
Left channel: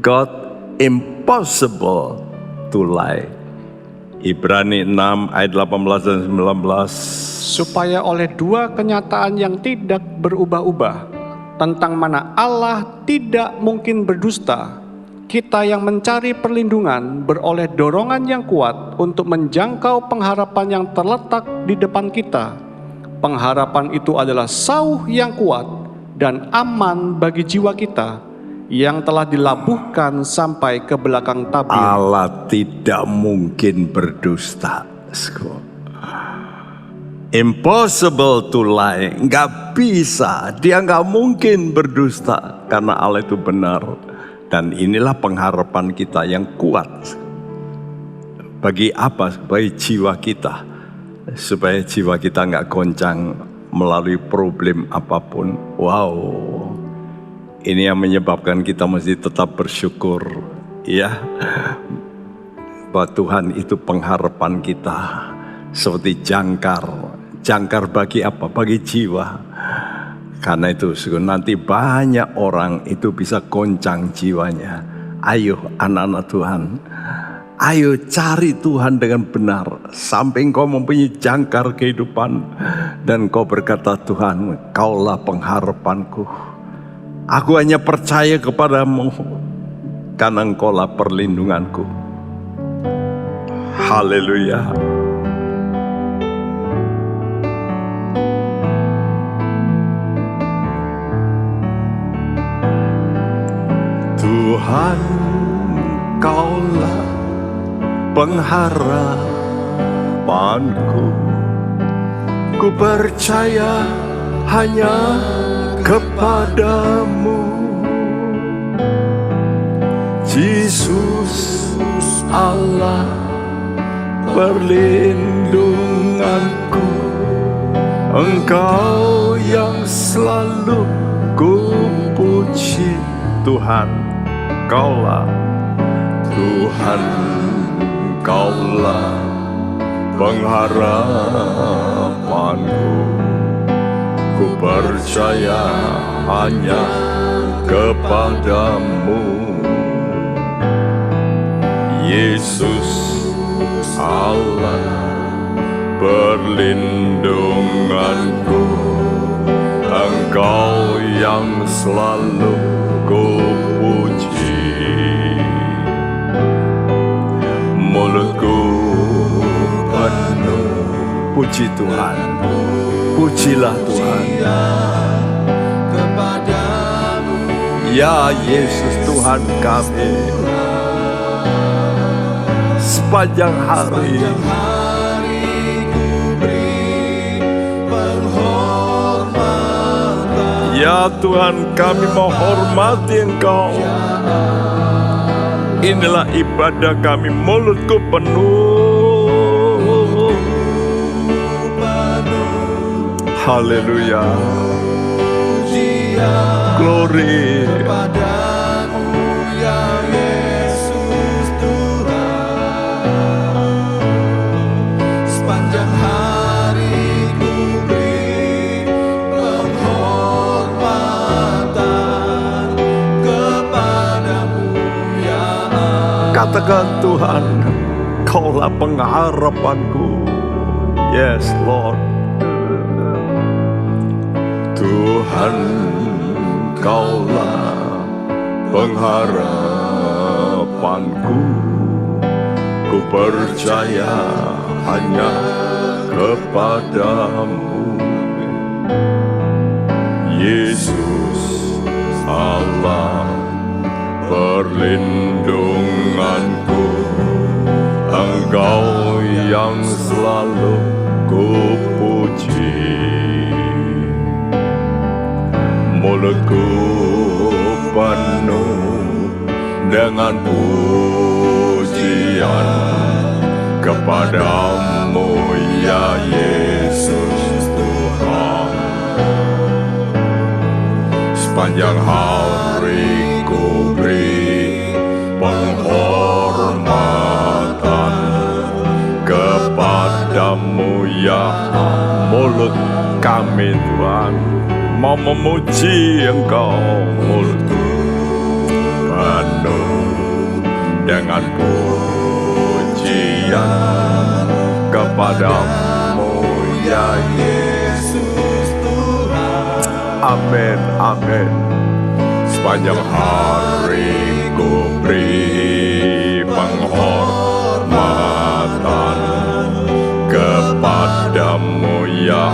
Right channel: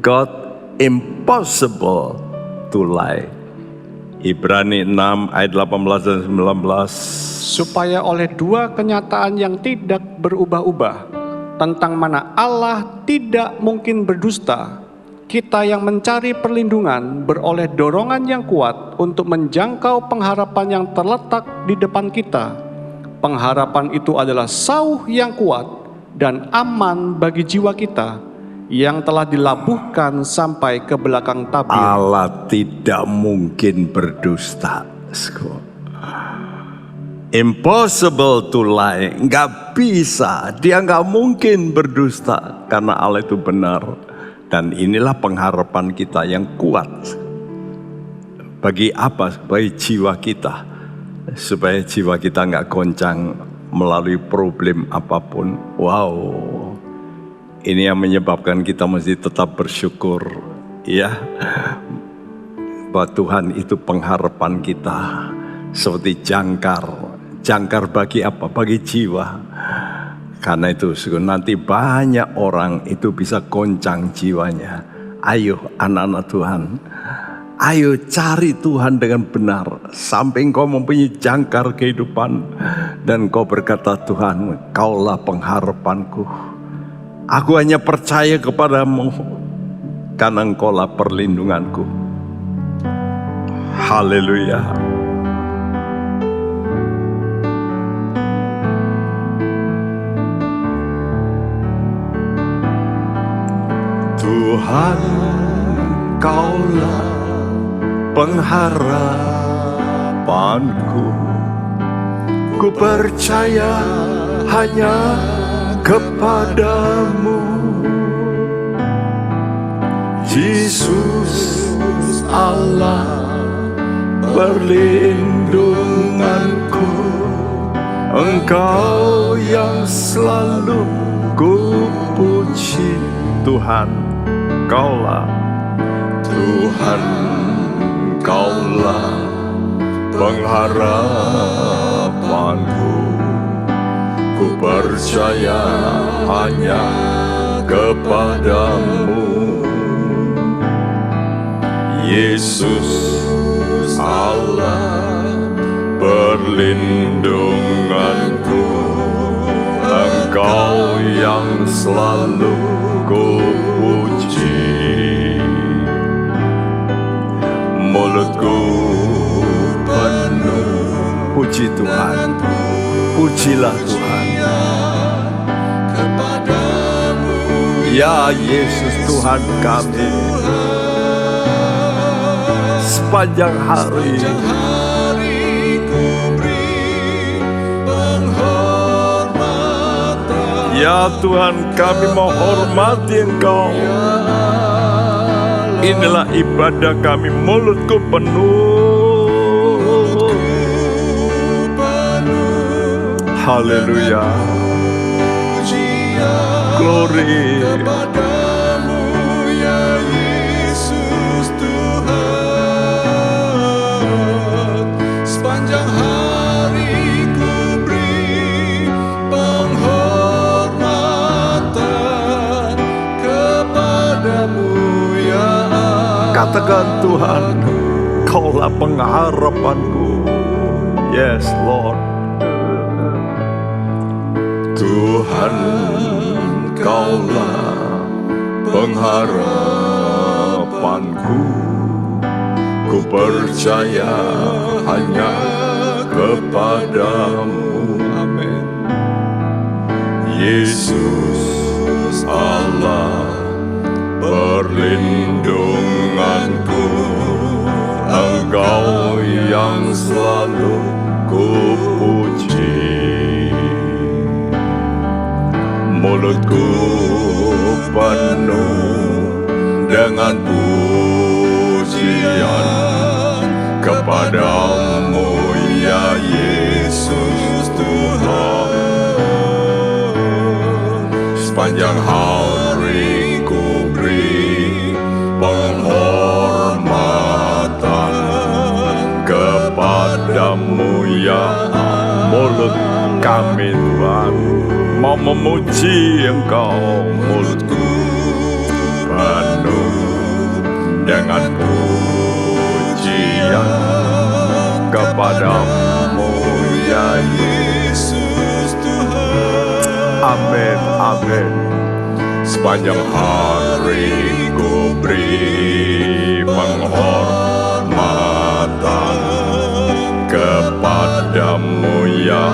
God impossible to lie. Ibrani 6 ayat 18 dan 19. Supaya oleh dua kenyataan yang tidak berubah-ubah, tentang mana Allah tidak mungkin berdusta, kita yang mencari perlindungan beroleh dorongan yang kuat untuk menjangkau pengharapan yang terletak di depan kita. Pengharapan itu adalah sauh yang kuat dan aman bagi jiwa kita, yang telah dilabuhkan sampai ke belakang tabir. Allah tidak mungkin berdusta. Impossible to lie. Nggak bisa. Dia nggak mungkin berdusta. Karena Allah itu benar. Dan inilah pengharapan kita yang kuat. Bagi apa? Bagi jiwa kita. Supaya jiwa kita nggak goncang melalui problem apapun. Wow, ini yang menyebabkan kita mesti tetap bersyukur, ya, bahwa Tuhan itu pengharapan kita. Seperti jangkar bagi apa? Bagi jiwa. Karena itu nanti banyak orang itu bisa goncang jiwanya. Ayo anak-anak Tuhan, ayo cari Tuhan dengan benar sampai engkau mempunyai jangkar kehidupan dan kau berkata, Tuhan, Kaulah pengharapanku. Aku hanya percaya kepadamu karena Engkaulah perlindunganku. Haleluya. Tuhan, Kaulah pengharapanku. Ku percaya hanya kepadamu, Yesus Allah perlindunganku. Engkau yang selalu ku puji. Tuhan, Kaulah, Tuhan, Kaulah pengharapanku. Ku percaya hanya kepadamu, Yesus Allah perlindunganku. Engkau yang selalu ku puji. Mulutku penuh puji Tuhan. Pujilah Tuhan. Ya Yesus Tuhan kami, sepanjang hari ya Tuhan, kami menghormati Engkau. Inilah ibadah kami, mulutku penuh. Haleluya. Glory. Sepanjang hari ku beri penghormatan kepadamu, ya Allah. Katakan, Tuhan, Kaulah pengharapanku. Yes Lord. Tuhan, Kaulah pengharapanku. Ku percaya hanya kepadamu, amin. Yesus Allah perlindunganku. Engkau yang selalu ku puji. Mulutku penuh dengan pujian kepadamu, ya Yesus Tuhan. Sepanjang hari ku beri penghormatan kepadamu, ya mulut kami Tuhan mau memuji Engkau. Mulutku penuh dengan pujian kepadamu, ya Yesus Tuhan. Amin, amin. Sepanjang hari ku beri penghormatan kepadamu, ya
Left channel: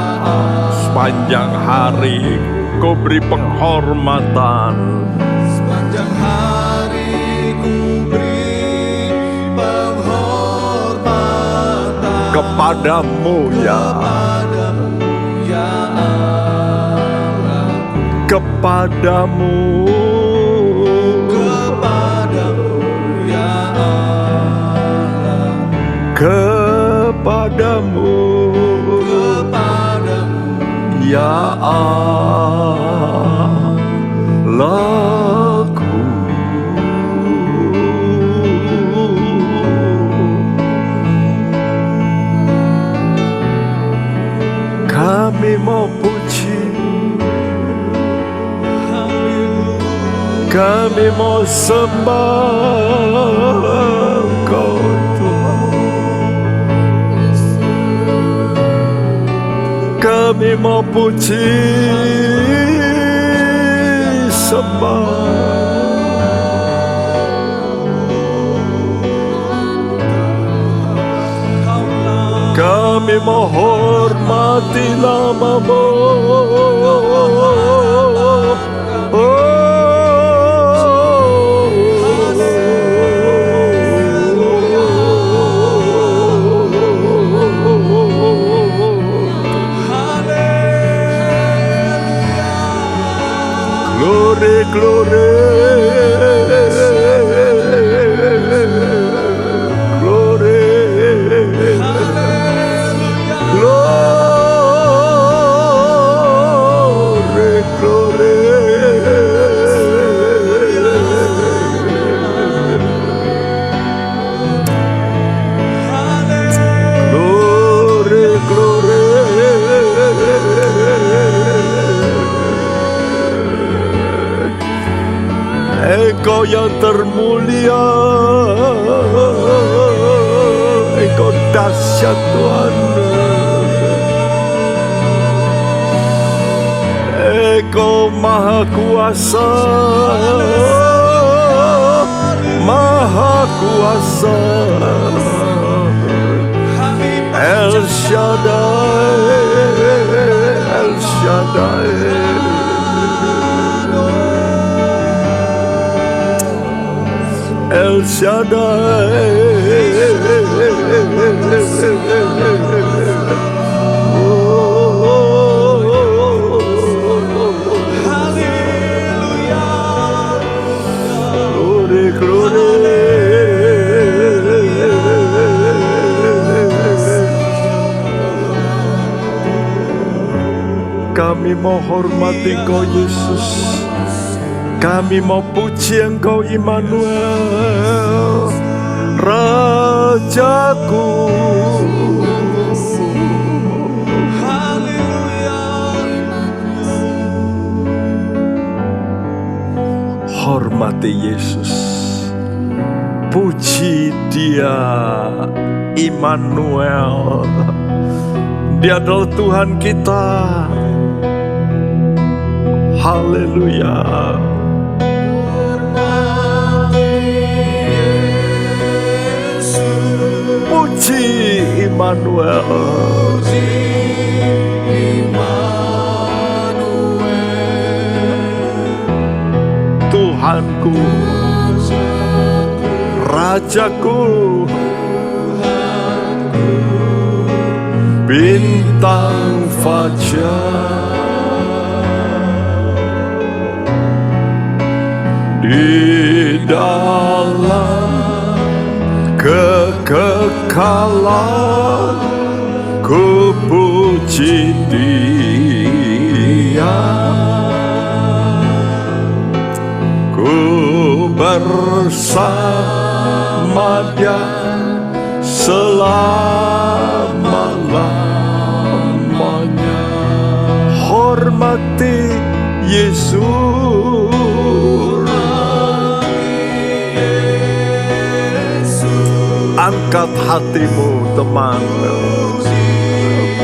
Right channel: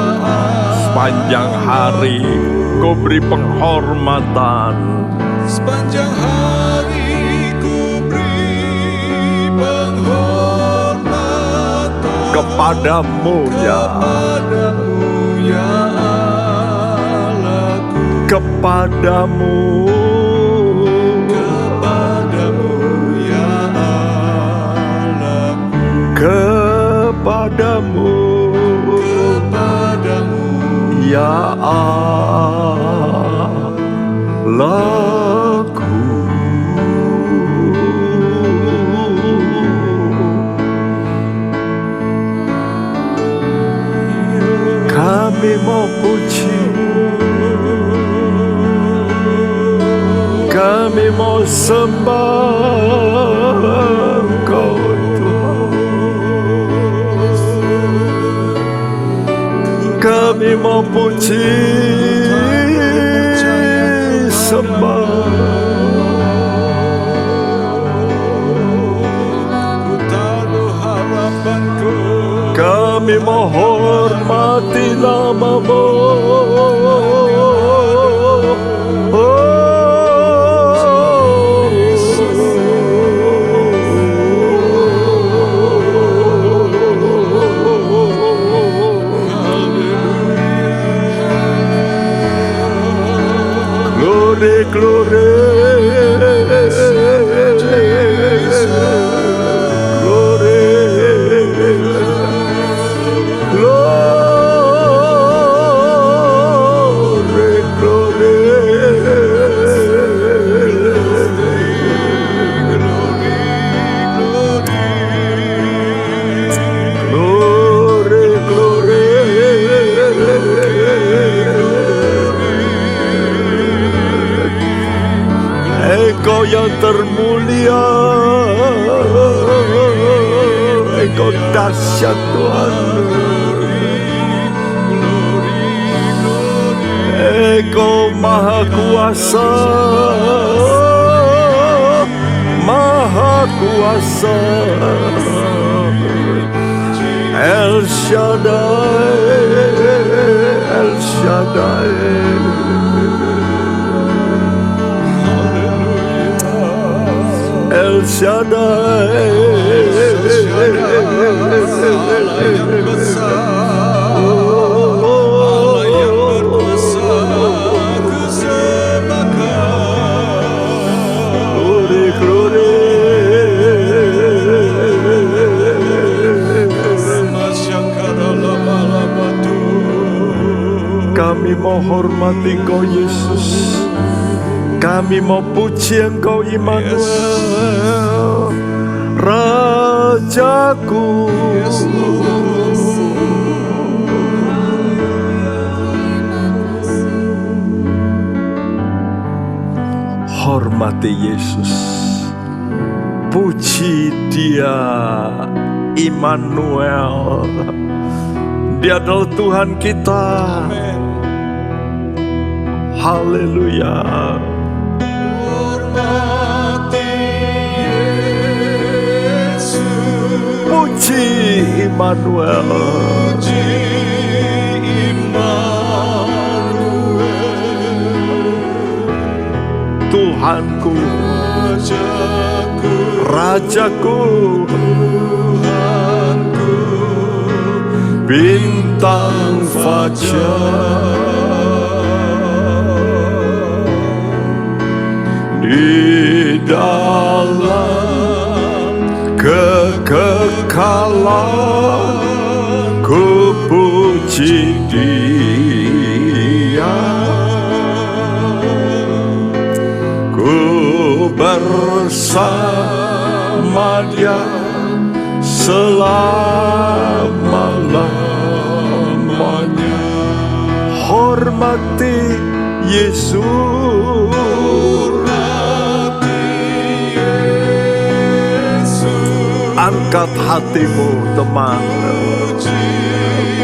sepanjang hari ku beri penghormatan. Sepanjang hari ku beri penghormatan kepadamu, ya Allahku. Kepadamu, ya Allahku. Kepadamu, Ya Allahku, kami mau puji, kami mau sembah Engkau Tuhan. Kami mau puji, sembah. Kami mau hormati nama-Mu. Glory, glory, glory, glory, glory. Glory, glory. Engkau yang termulia, Engkau dahsyat Tuhan. Engkau maha kuasa, maha kuasa. El Shaddai, El Shaddai. El Shaddai, glory, glory. Kami mau hormati Engkau Yesus. Kami mau puji Engkau Immanuel, Rajaku. Hormati Yesus, puji Dia, Immanuel. Dia adalah Tuhan kita. Haleluya. Puji Immanuel, Tuhanku, Rajaku, bintang fajar di dalam kekekalan, ku puji Dia, ku bersama Dia selama-lamanya. Hormati Yesus, angkat hatimu teman,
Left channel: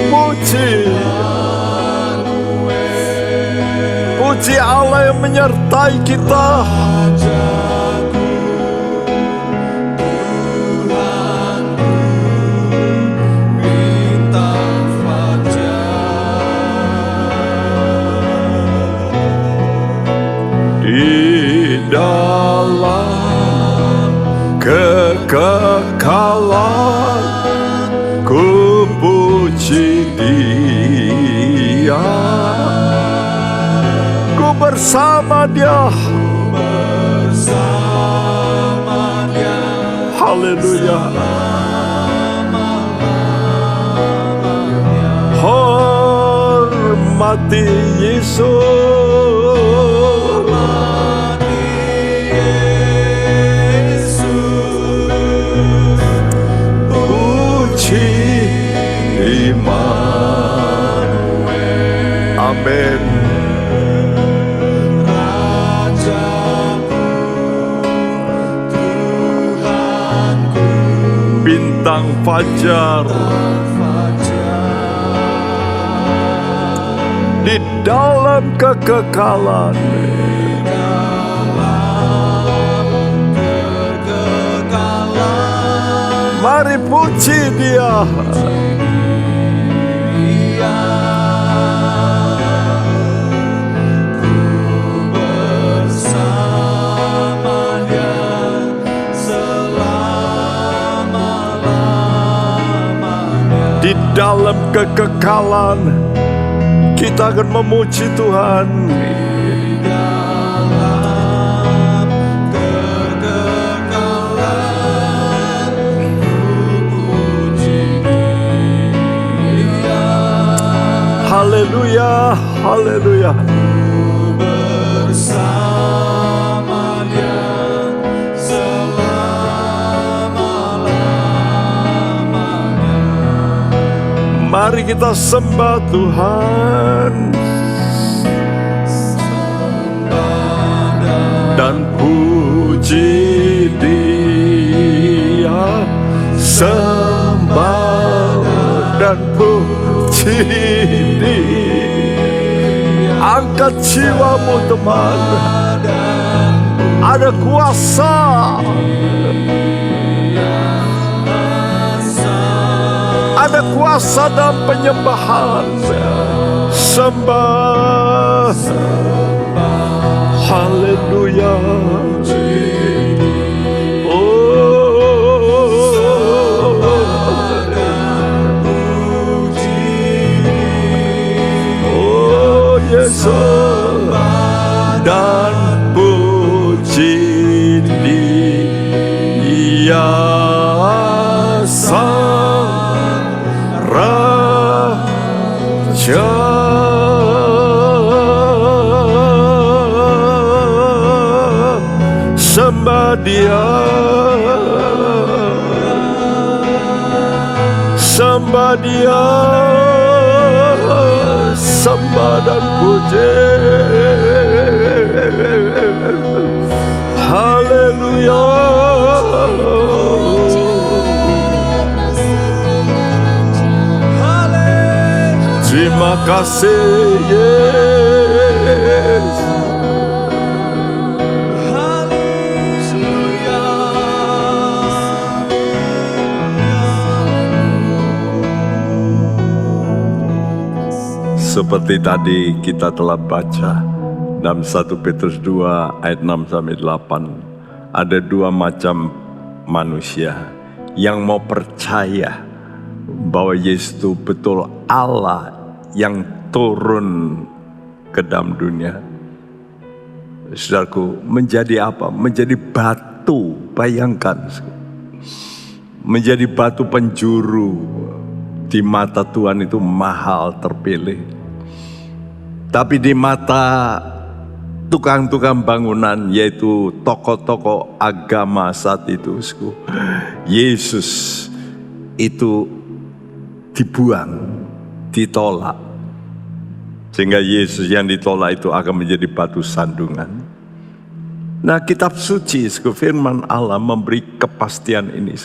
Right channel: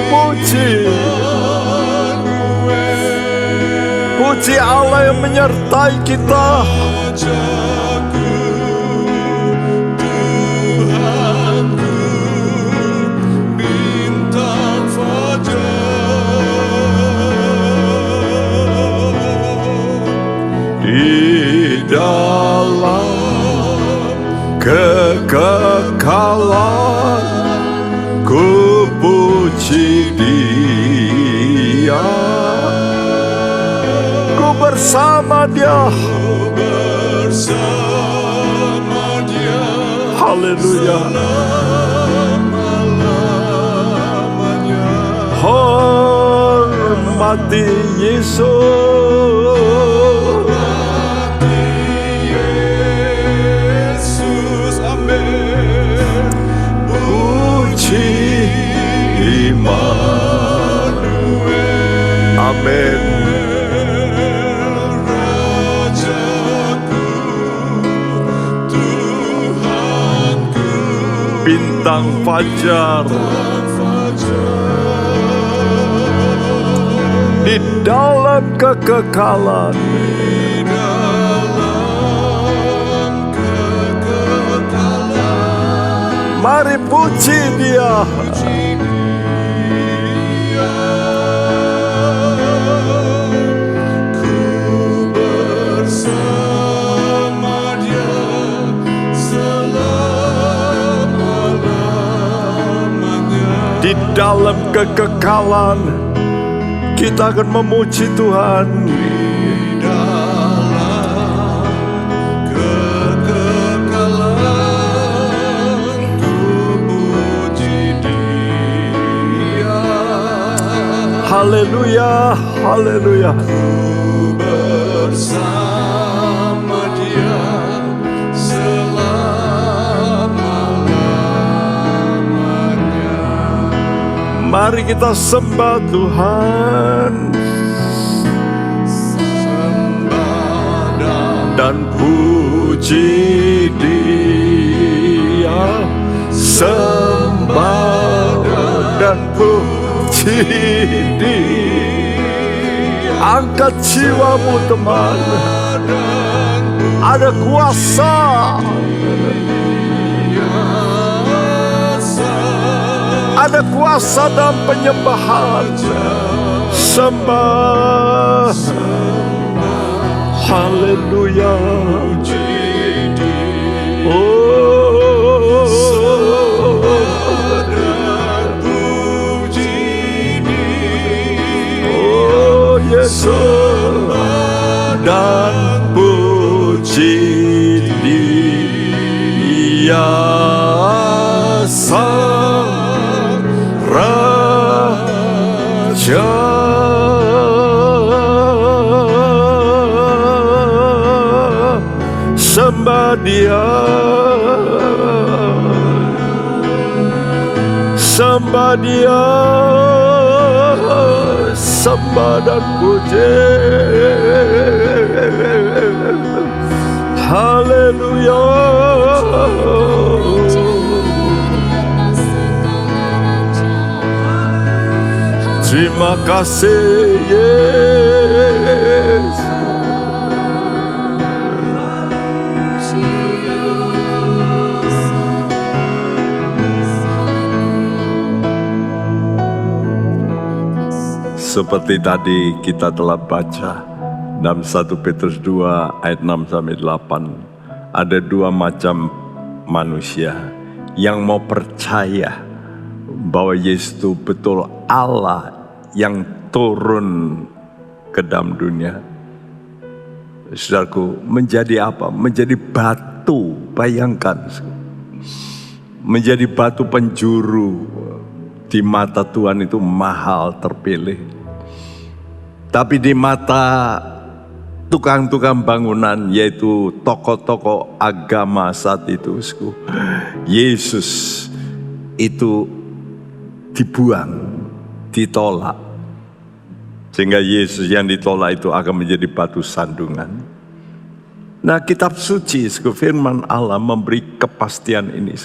puji, puji Allah yang menyertai kita. Di dalam kekekalan, ku puji Dia, ku bersama Dia. Haleluya. Hormat hormati Yesus. Yesus, amin. Puji Immanuel. Amin. Rajaku, Tuhanku, Bintang fajar di dalam kekekalan. Mari puji Dia. bersama Dia selama-lamanya. Di dalam kekekalan kita akan memuji Tuhan. Dalam kekekalan ku puji Dia. Haleluya, haleluya. Bersama Dia selama-lamanya. Mari kita sembah Tuhan dan puji Dia. Sembah dan puji Dia. Angkat jiwamu teman. Ada kuasa. Ada kuasa dalam penyembahan. Sembah. Haleluya. Oh Yesus, dan puji Dia Sang Raja. Sembah Dia, sembah Dia, sembah dan puji. Haleluya. Terima kasih Yesus. Seperti tadi kita telah baca dalam 1 Petrus 2 ayat 6 sampai 8, ada dua macam manusia yang mau percaya bahwa Yesus itu betul Allah yang turun ke dalam dunia. Saudaraku, menjadi apa? Menjadi batu, bayangkan. Menjadi batu penjuru di mata Tuhan itu mahal, terpilih. Tapi di mata tukang-tukang bangunan, yaitu tokoh-tokoh agama saat itu, Yesus itu dibuang, ditolak. Sehingga Yesus yang ditolak itu akan menjadi batu sandungan. Nah, kitab suci, firman Allah memberi kepastian ini,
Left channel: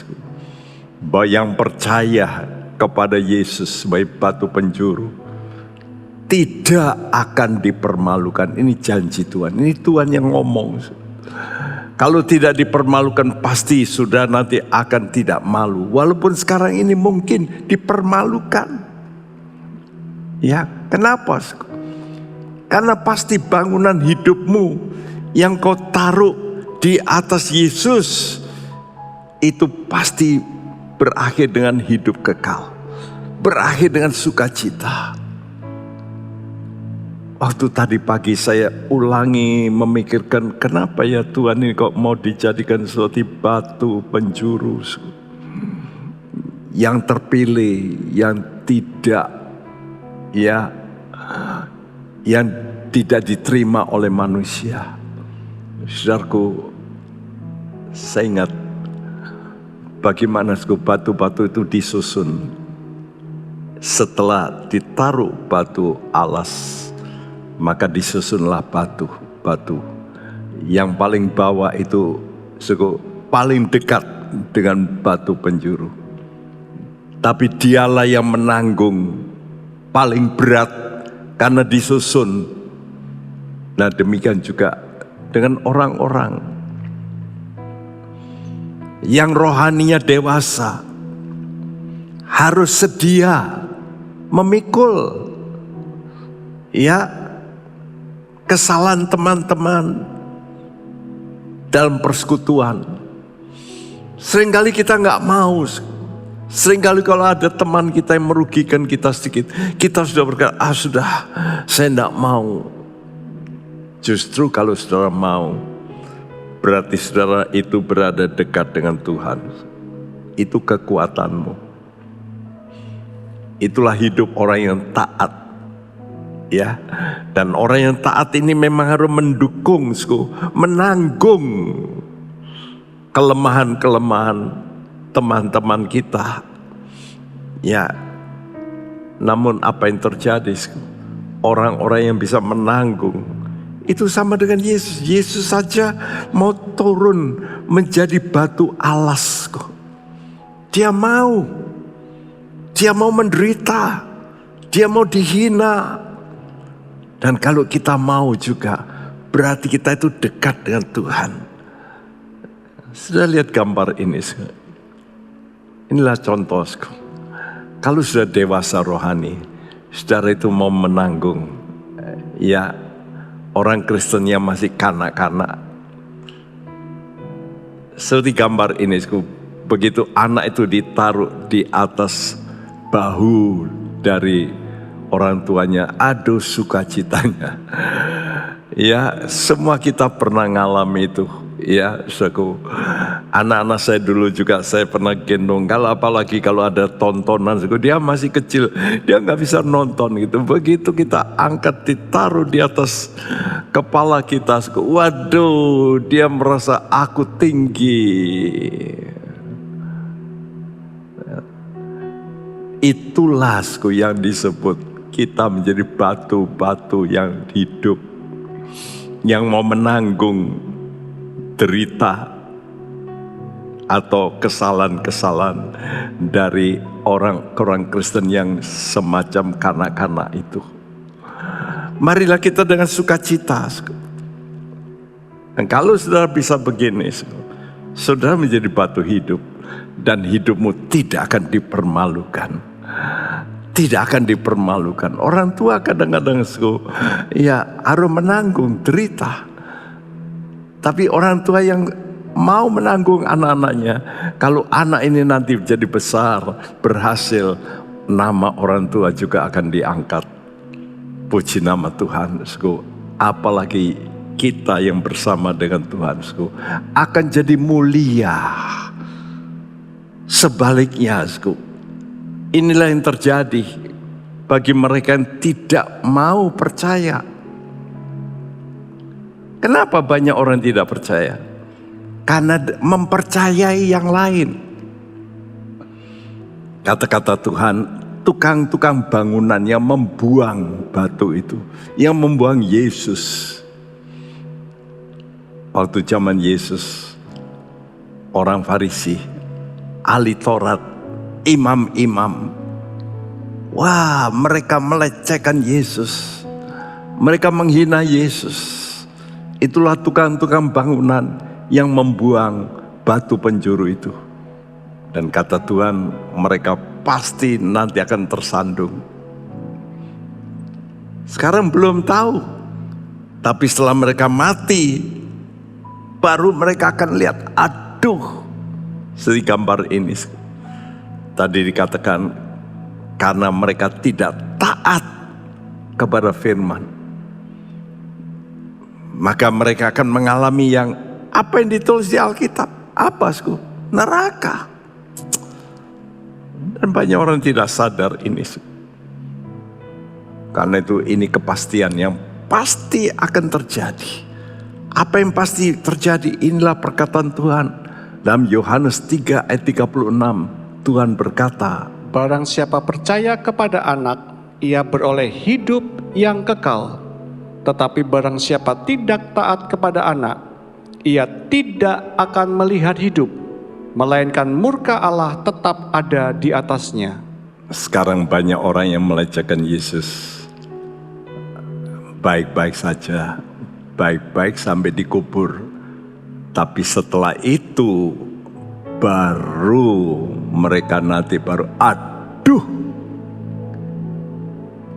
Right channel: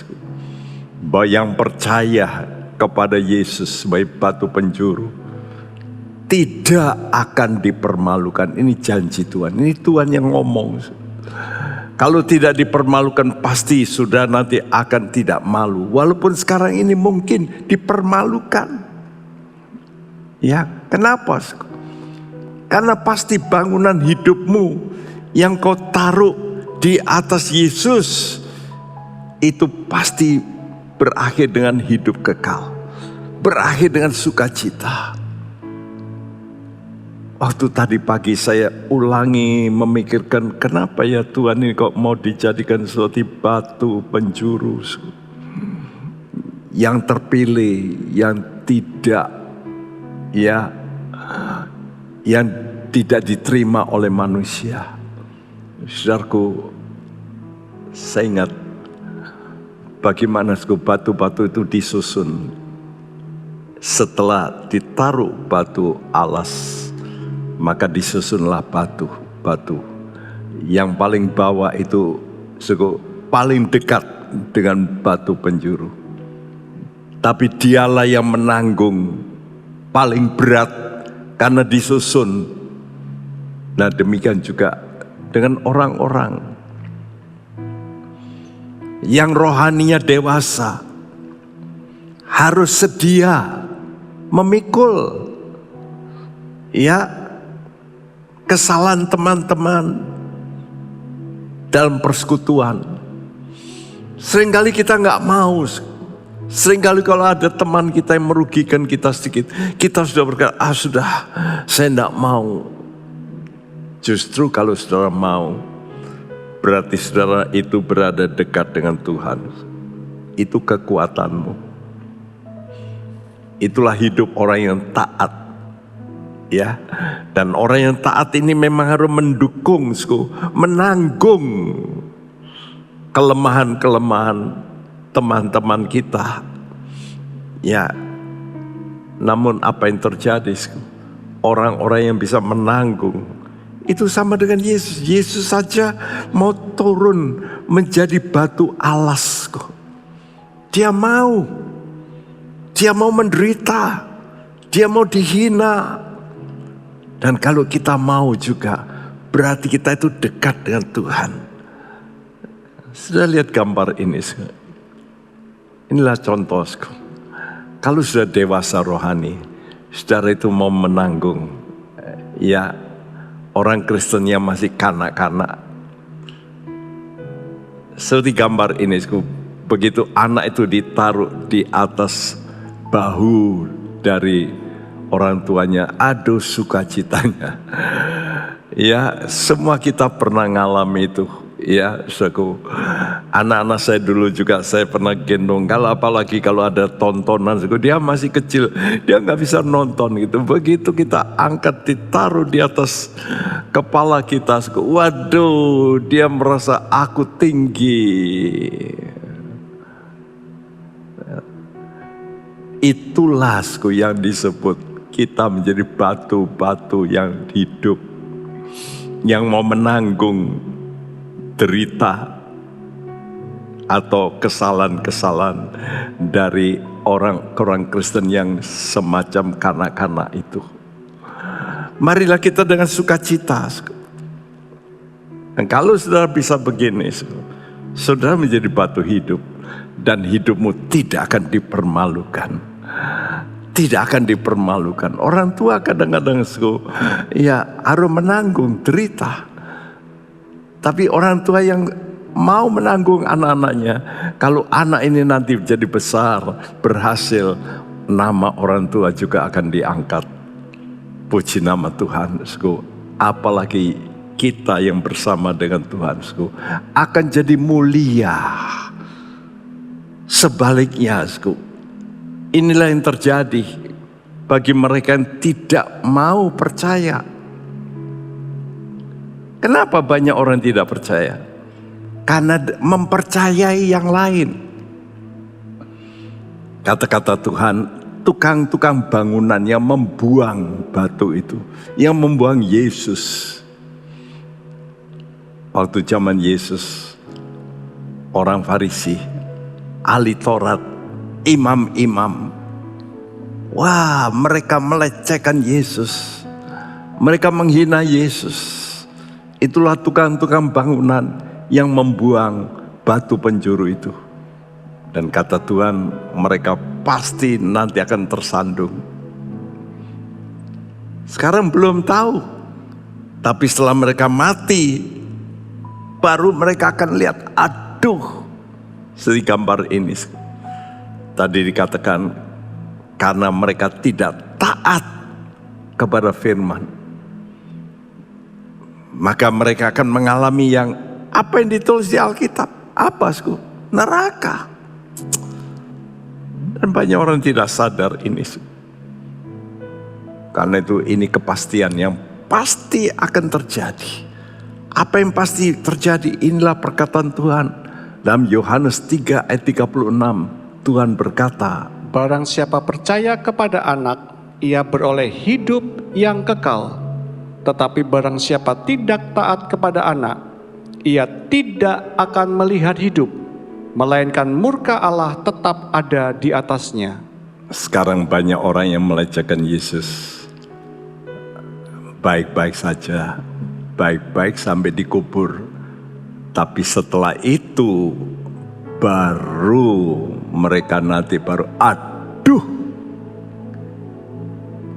bahwa yang percaya kepada Yesus sebagai batu penjuru tidak akan dipermalukan. Ini janji Tuhan, ini Tuhan yang ngomong. Kalau tidak dipermalukan, pasti sudah nanti akan tidak malu. Walaupun sekarang ini mungkin dipermalukan. Ya, kenapa? Karena pasti bangunan hidupmu yang kau taruh di atas Yesus itu pasti berakhir dengan hidup kekal, berakhir dengan sukacita. Waktu tadi pagi saya ulangi memikirkan, kenapa ya Tuhan ini kok mau dijadikan seperti batu penjuru yang terpilih, yang tidak yang tidak diterima oleh manusia. Saudaraku, saya ingat bagaimana batu-batu itu disusun. Setelah ditaruh batu alas, maka disusunlah batu-batu. Yang paling bawah itu paling dekat dengan batu penjuru. Tapi dialah yang menanggung paling berat karena disusun. Nah, demikian juga dengan orang-orang yang rohaninya dewasa, harus sedia memikul kesalahan teman-teman dalam persekutuan. Seringkali kita nggak mau. Seringkali kalau ada teman kita yang merugikan kita sedikit, kita sudah berkata, sudah, saya nggak mau. Justru kalau saudara mau, berarti saudara itu berada dekat dengan Tuhan. Itu kekuatanmu. Itulah hidup orang yang taat. Ya. Dan orang yang taat ini memang harus mendukung, menanggung kelemahan-kelemahan teman-teman kita. Ya. Namun apa yang terjadi? Orang-orang yang bisa menanggung itu sama dengan Yesus. Yesus saja mau turun menjadi batu alas. Dia mau. Dia mau menderita. Dia mau dihina. Dan kalau kita mau juga, berarti kita itu dekat dengan Tuhan. Sudah lihat gambar ini? Inilah contoh. Kalau sudah dewasa rohani, saudara itu mau menanggung. Ya, orang Kristen yang masih kanak-kanak. Seperti gambar ini, begitu anak itu ditaruh di atas bahu dari orang tuanya, aduh sukacitanya. Ya, semua kita pernah ngalami itu. Ya, anak-anak saya dulu juga saya pernah gendong. Apalagi kalau ada tontonan, dia masih kecil, dia nggak bisa nonton gitu. Begitu kita angkat, ditaruh di atas kepala kita, waduh, dia merasa aku tinggi. Itulah yang disebut kita menjadi batu-batu yang hidup, yang mau menanggung derita atau kesalahan-kesalahan dari orang Kristen yang semacam kanak-kanak itu. Marilah kita dengan sukacita. Dan kalau saudara bisa begini, saudara menjadi batu hidup dan hidupmu tidak akan dipermalukan. Tidak akan dipermalukan. Orang tua kadang-kadang harus menanggung derita. Tapi orang tua yang mau menanggung anak-anaknya, kalau anak ini nanti jadi besar, berhasil, nama orang tua juga akan diangkat. Puji nama Tuhan. Apalagi kita yang bersama dengan Tuhan akan jadi mulia. Sebaliknya, inilah yang terjadi bagi mereka yang tidak mau percaya. Kenapa banyak orang tidak percaya? Karena mempercayai yang lain. Kata-kata Tuhan, tukang-tukang bangunan yang membuang batu itu, yang membuang Yesus. Waktu zaman Yesus, orang Farisi, ahli Taurat, imam-imam, wah, mereka melecehkan Yesus. Mereka menghina Yesus. Itulah tukang-tukang bangunan yang membuang batu penjuru itu. Dan kata Tuhan, mereka pasti nanti akan tersandung. Sekarang belum tahu. Tapi setelah mereka mati, baru mereka akan lihat, aduh, seperti gambar ini. Tadi dikatakan, karena mereka tidak taat kepada firman, maka mereka akan mengalami yang apa yang ditulis di Alkitab. Apa? Neraka. Dan banyak orang tidak sadar ini. Karena itu ini kepastian yang pasti akan terjadi. Apa yang pasti terjadi? Inilah perkataan Tuhan. Dalam Yohanes 3 ayat 36, Tuhan berkata, Barang siapa percaya kepada anak, ia beroleh hidup yang kekal. Tetapi barang siapa tidak taat kepada anak, ia tidak akan melihat hidup, melainkan murka Allah tetap ada di atasnya. Sekarang banyak orang yang melecehkan Yesus. Baik-baik saja, baik-baik sampai dikubur. Tapi setelah itu baru mereka nanti aduh,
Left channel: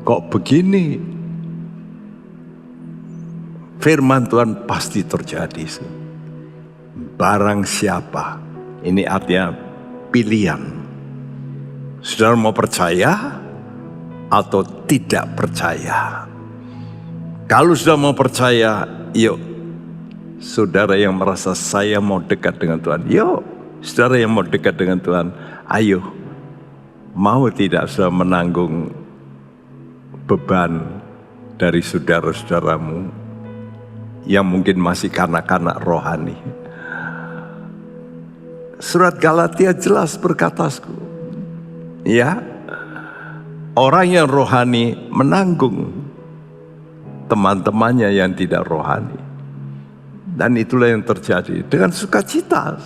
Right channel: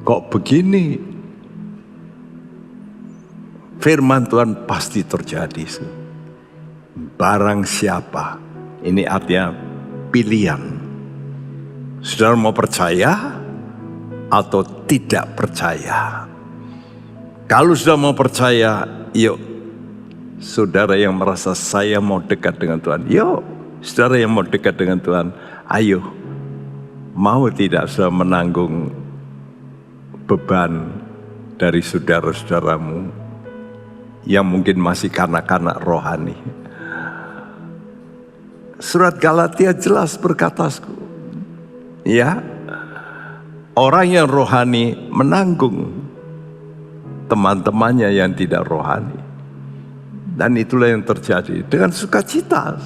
kok begini? Firman Tuhan pasti terjadi. Barang siapa, ini artinya pilihan. Saudara mau percaya atau tidak percaya? Kalau sudah mau percaya, yuk. Saudara yang merasa saya mau dekat dengan Tuhan, yuk. Saudara yang mau dekat dengan Tuhan, ayo. Mau tidak sudah menanggung beban dari saudara-saudaramu yang mungkin masih kanak-kanak rohani. Surat Galatia jelas berkata, ya, orang yang rohani menanggung teman-temannya yang tidak rohani. Dan itulah yang terjadi. Dengan sukacita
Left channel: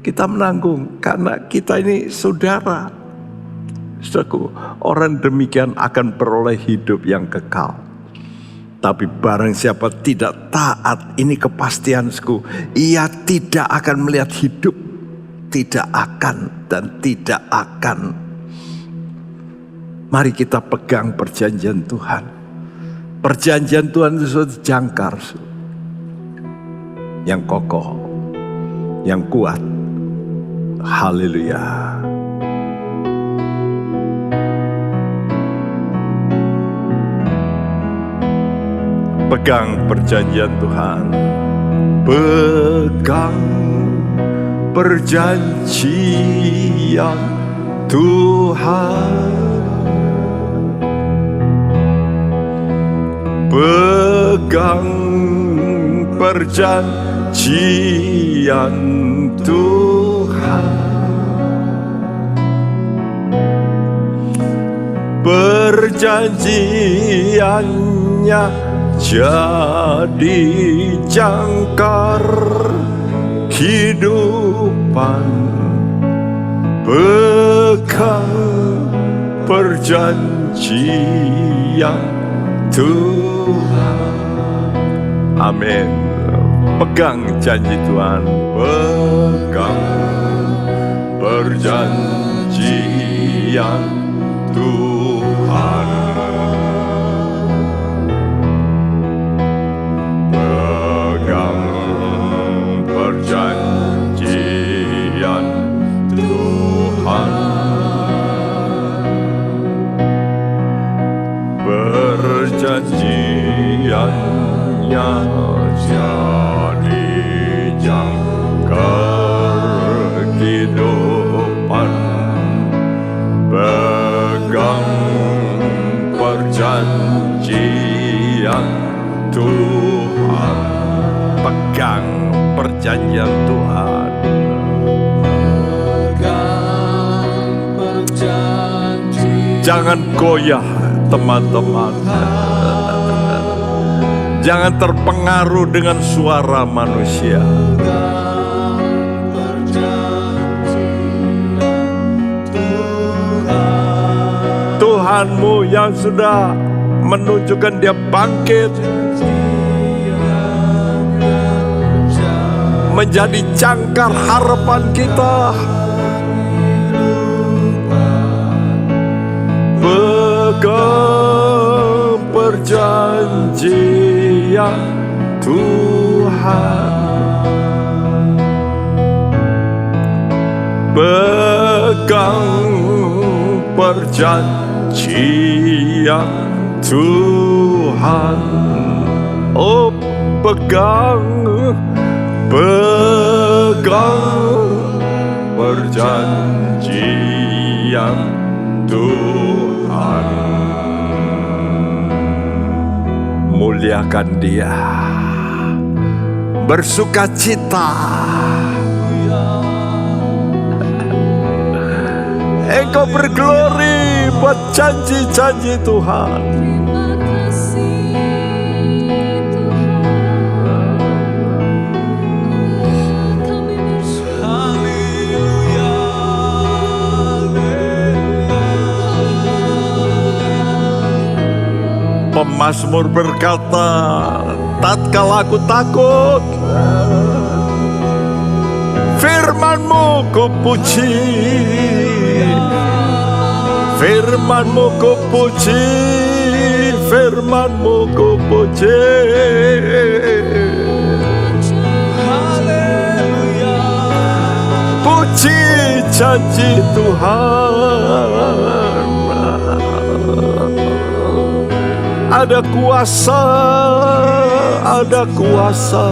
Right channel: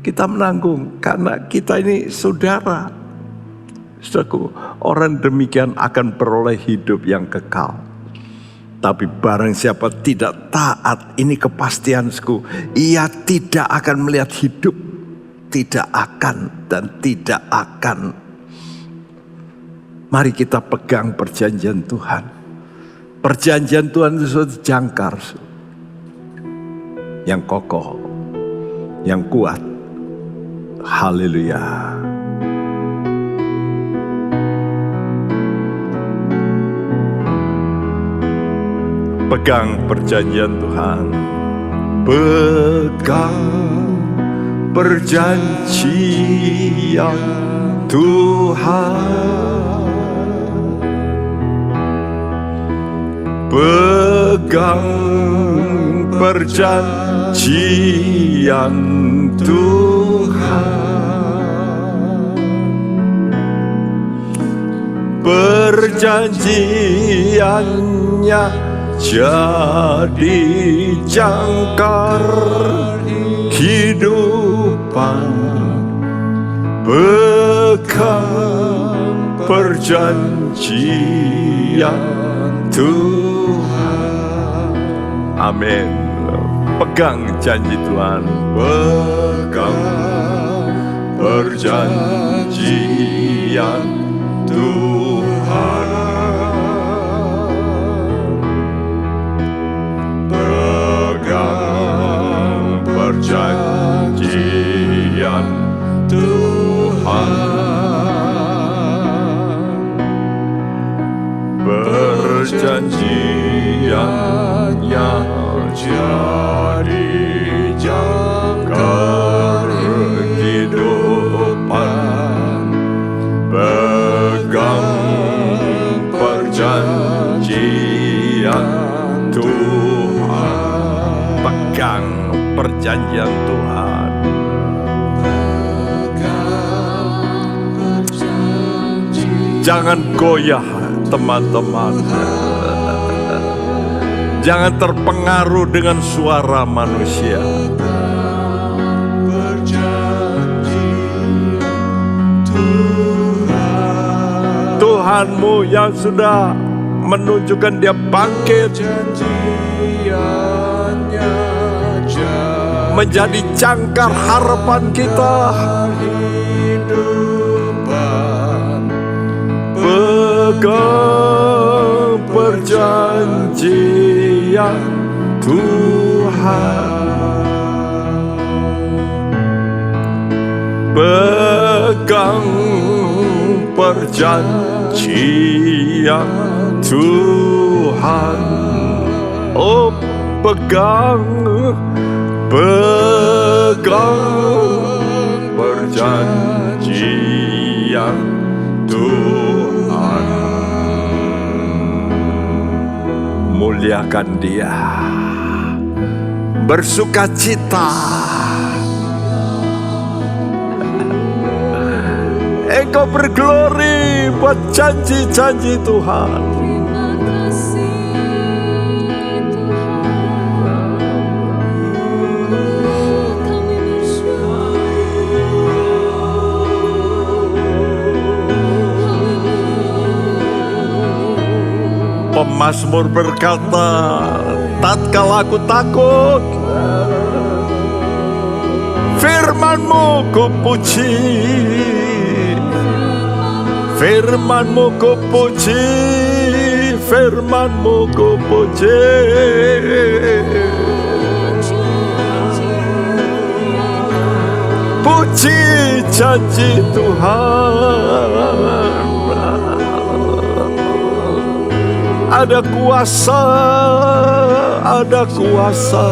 kita menanggung karena kita ini saudara. Saudaraku, orang demikian akan beroleh hidup yang kekal. Tapi barang siapa tidak taat, ini kepastianku, ia tidak akan melihat hidup. Tidak akan dan tidak akan. Mari kita pegang perjanjian Tuhan. Perjanjian Tuhan itu suatu jangkar yang kokoh, yang kuat. Haleluya. Pegang perjanjian Tuhan. Pegang perjanjian Tuhan. Pegang perjanjian Tuhan. Perjanjiannya jadi jangkar kehidupan. Pegang perjanjian Tuhan. Amin. Pegang janji Tuhan. Pegang perjanjian Tuhan. Pegang perjanjian Tuhan. Perjanjiannya jadi jangkar kehidupan. Pegang perjanjian Tuhan. Pegang perjanjian Tuhan. Jangan goyah, teman-teman. Jangan terpengaruh dengan suara manusia. Tuhanmu yang sudah menunjukkan dia bangkit menjadi jangkar harapan kita. Pegang perjanjian Tuhan. Pegang perjanjian Tuhan. Oh, pegang perjanjian Tuhan. muliakan Dia. Bersukacita. Engkau berglori buat janji-janji Tuhan. Terima kasih Tuhan. Kami bersyukur. Pemazmur berkata, tatkala aku takut, firman-Mu ku puji, firman-Mu ku puji, firman-Mu ku puji. Puji janji Tuhan. Ada kuasa, ada kuasa.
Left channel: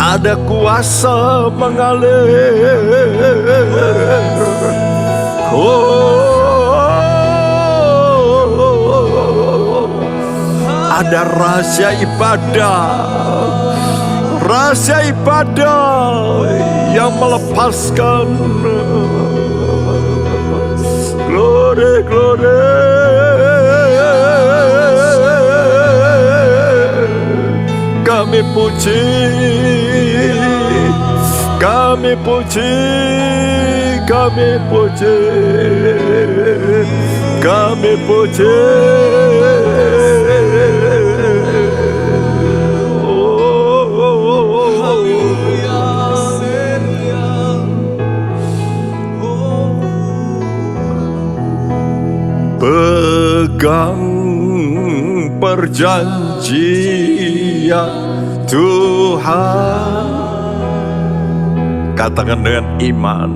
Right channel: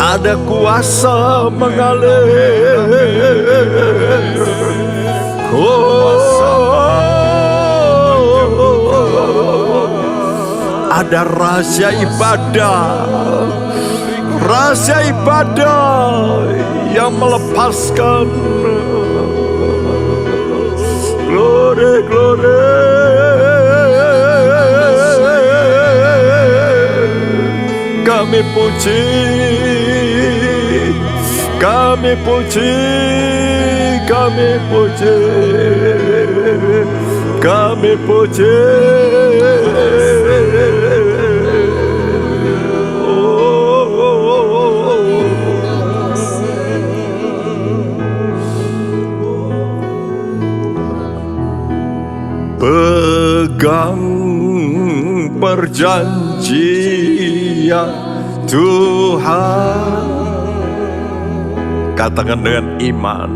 Ada kuasa mengalir. Ada rahasia ibadah. Rahasia ibadah yang melepaskan. Glory, glory. Kami puji, kami puji, kami puji, kami puji. Pegang perjanjian Tuhan. Katakan dengan iman.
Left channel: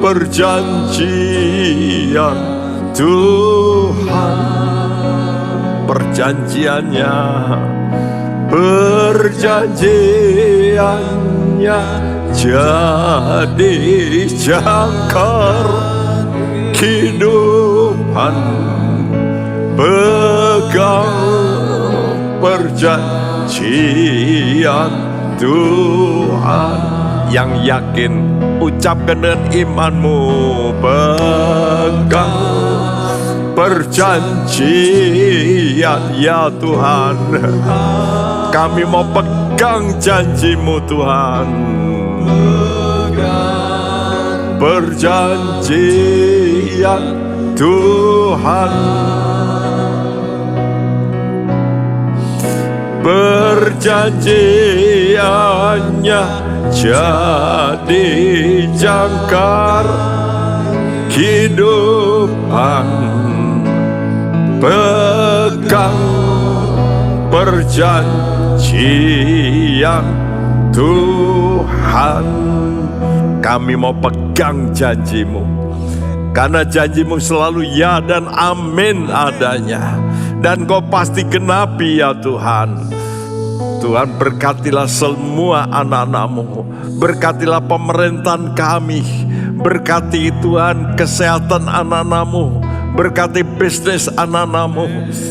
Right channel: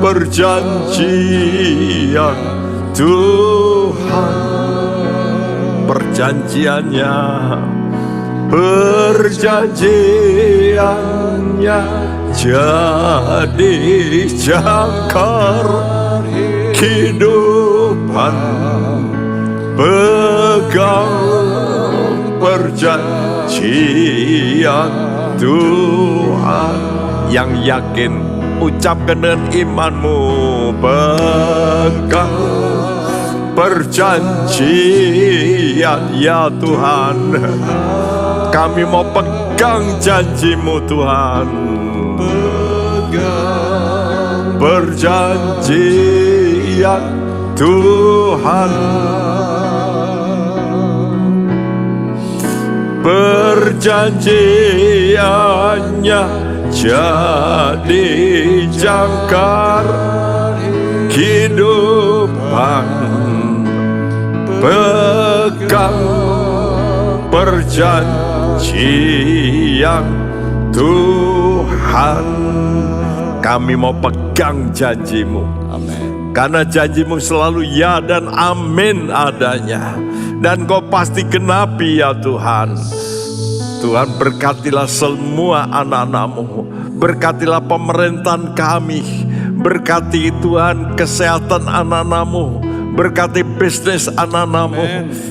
Perjanjian Tuhan. Perjanjiannya, perjanjiannya jadi jangkar kehidupan. Pegang perjanjian Tuhan. Yang yakin, ucapkan dengan imanmu. Pegang perjanjian ya Tuhan. Kami mau pegang janji-Mu Tuhan. Perjanjian Tuhan. Perjanjiannya jadi jangkar kehidupan. Pegang perjanjian Tuhan. Kami mau pegang janji-Mu. Karena janji-Mu selalu ya dan amin adanya. Dan Kau pasti genapi ya Tuhan. Tuhan berkatilah semua anak-anak-Mu. Berkatilah pemerintahan kami. Berkati Tuhan kesehatan anak-anak-Mu. Berkati bisnis anak-anak-Mu.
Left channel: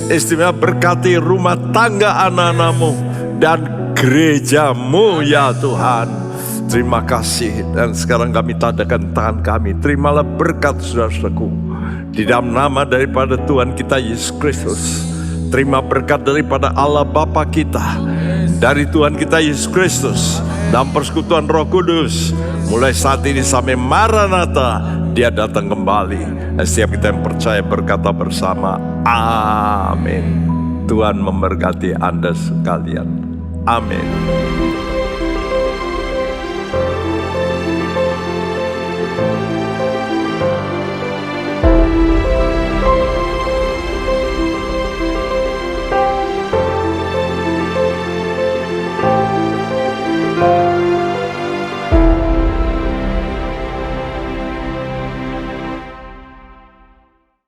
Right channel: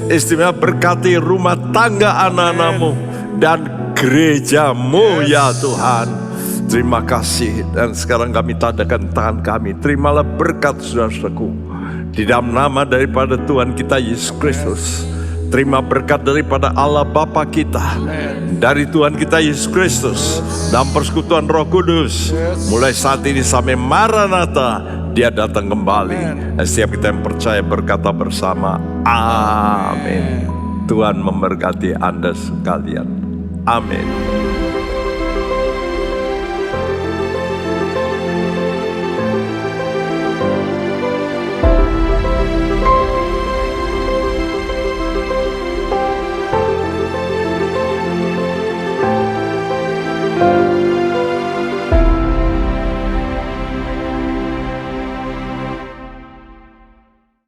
Istimewa berkati rumah tangga anak-anak-Mu. Dan gereja-Mu ya Tuhan. Terima kasih. Dan sekarang kami tadakan tangan kami. Terimalah berkat saudara-saudaraku. Di dalam nama daripada Tuhan kita Yesus Kristus. Terima berkat daripada Allah Bapa kita. Dari Tuhan kita Yesus Kristus. Dalam persekutuan Roh Kudus. Mulai saat ini sampai Maranatha. Dia datang kembali. Dan setiap kita yang percaya berkata bersama. Amin. Tuhan memberkati Anda sekalian. Amin.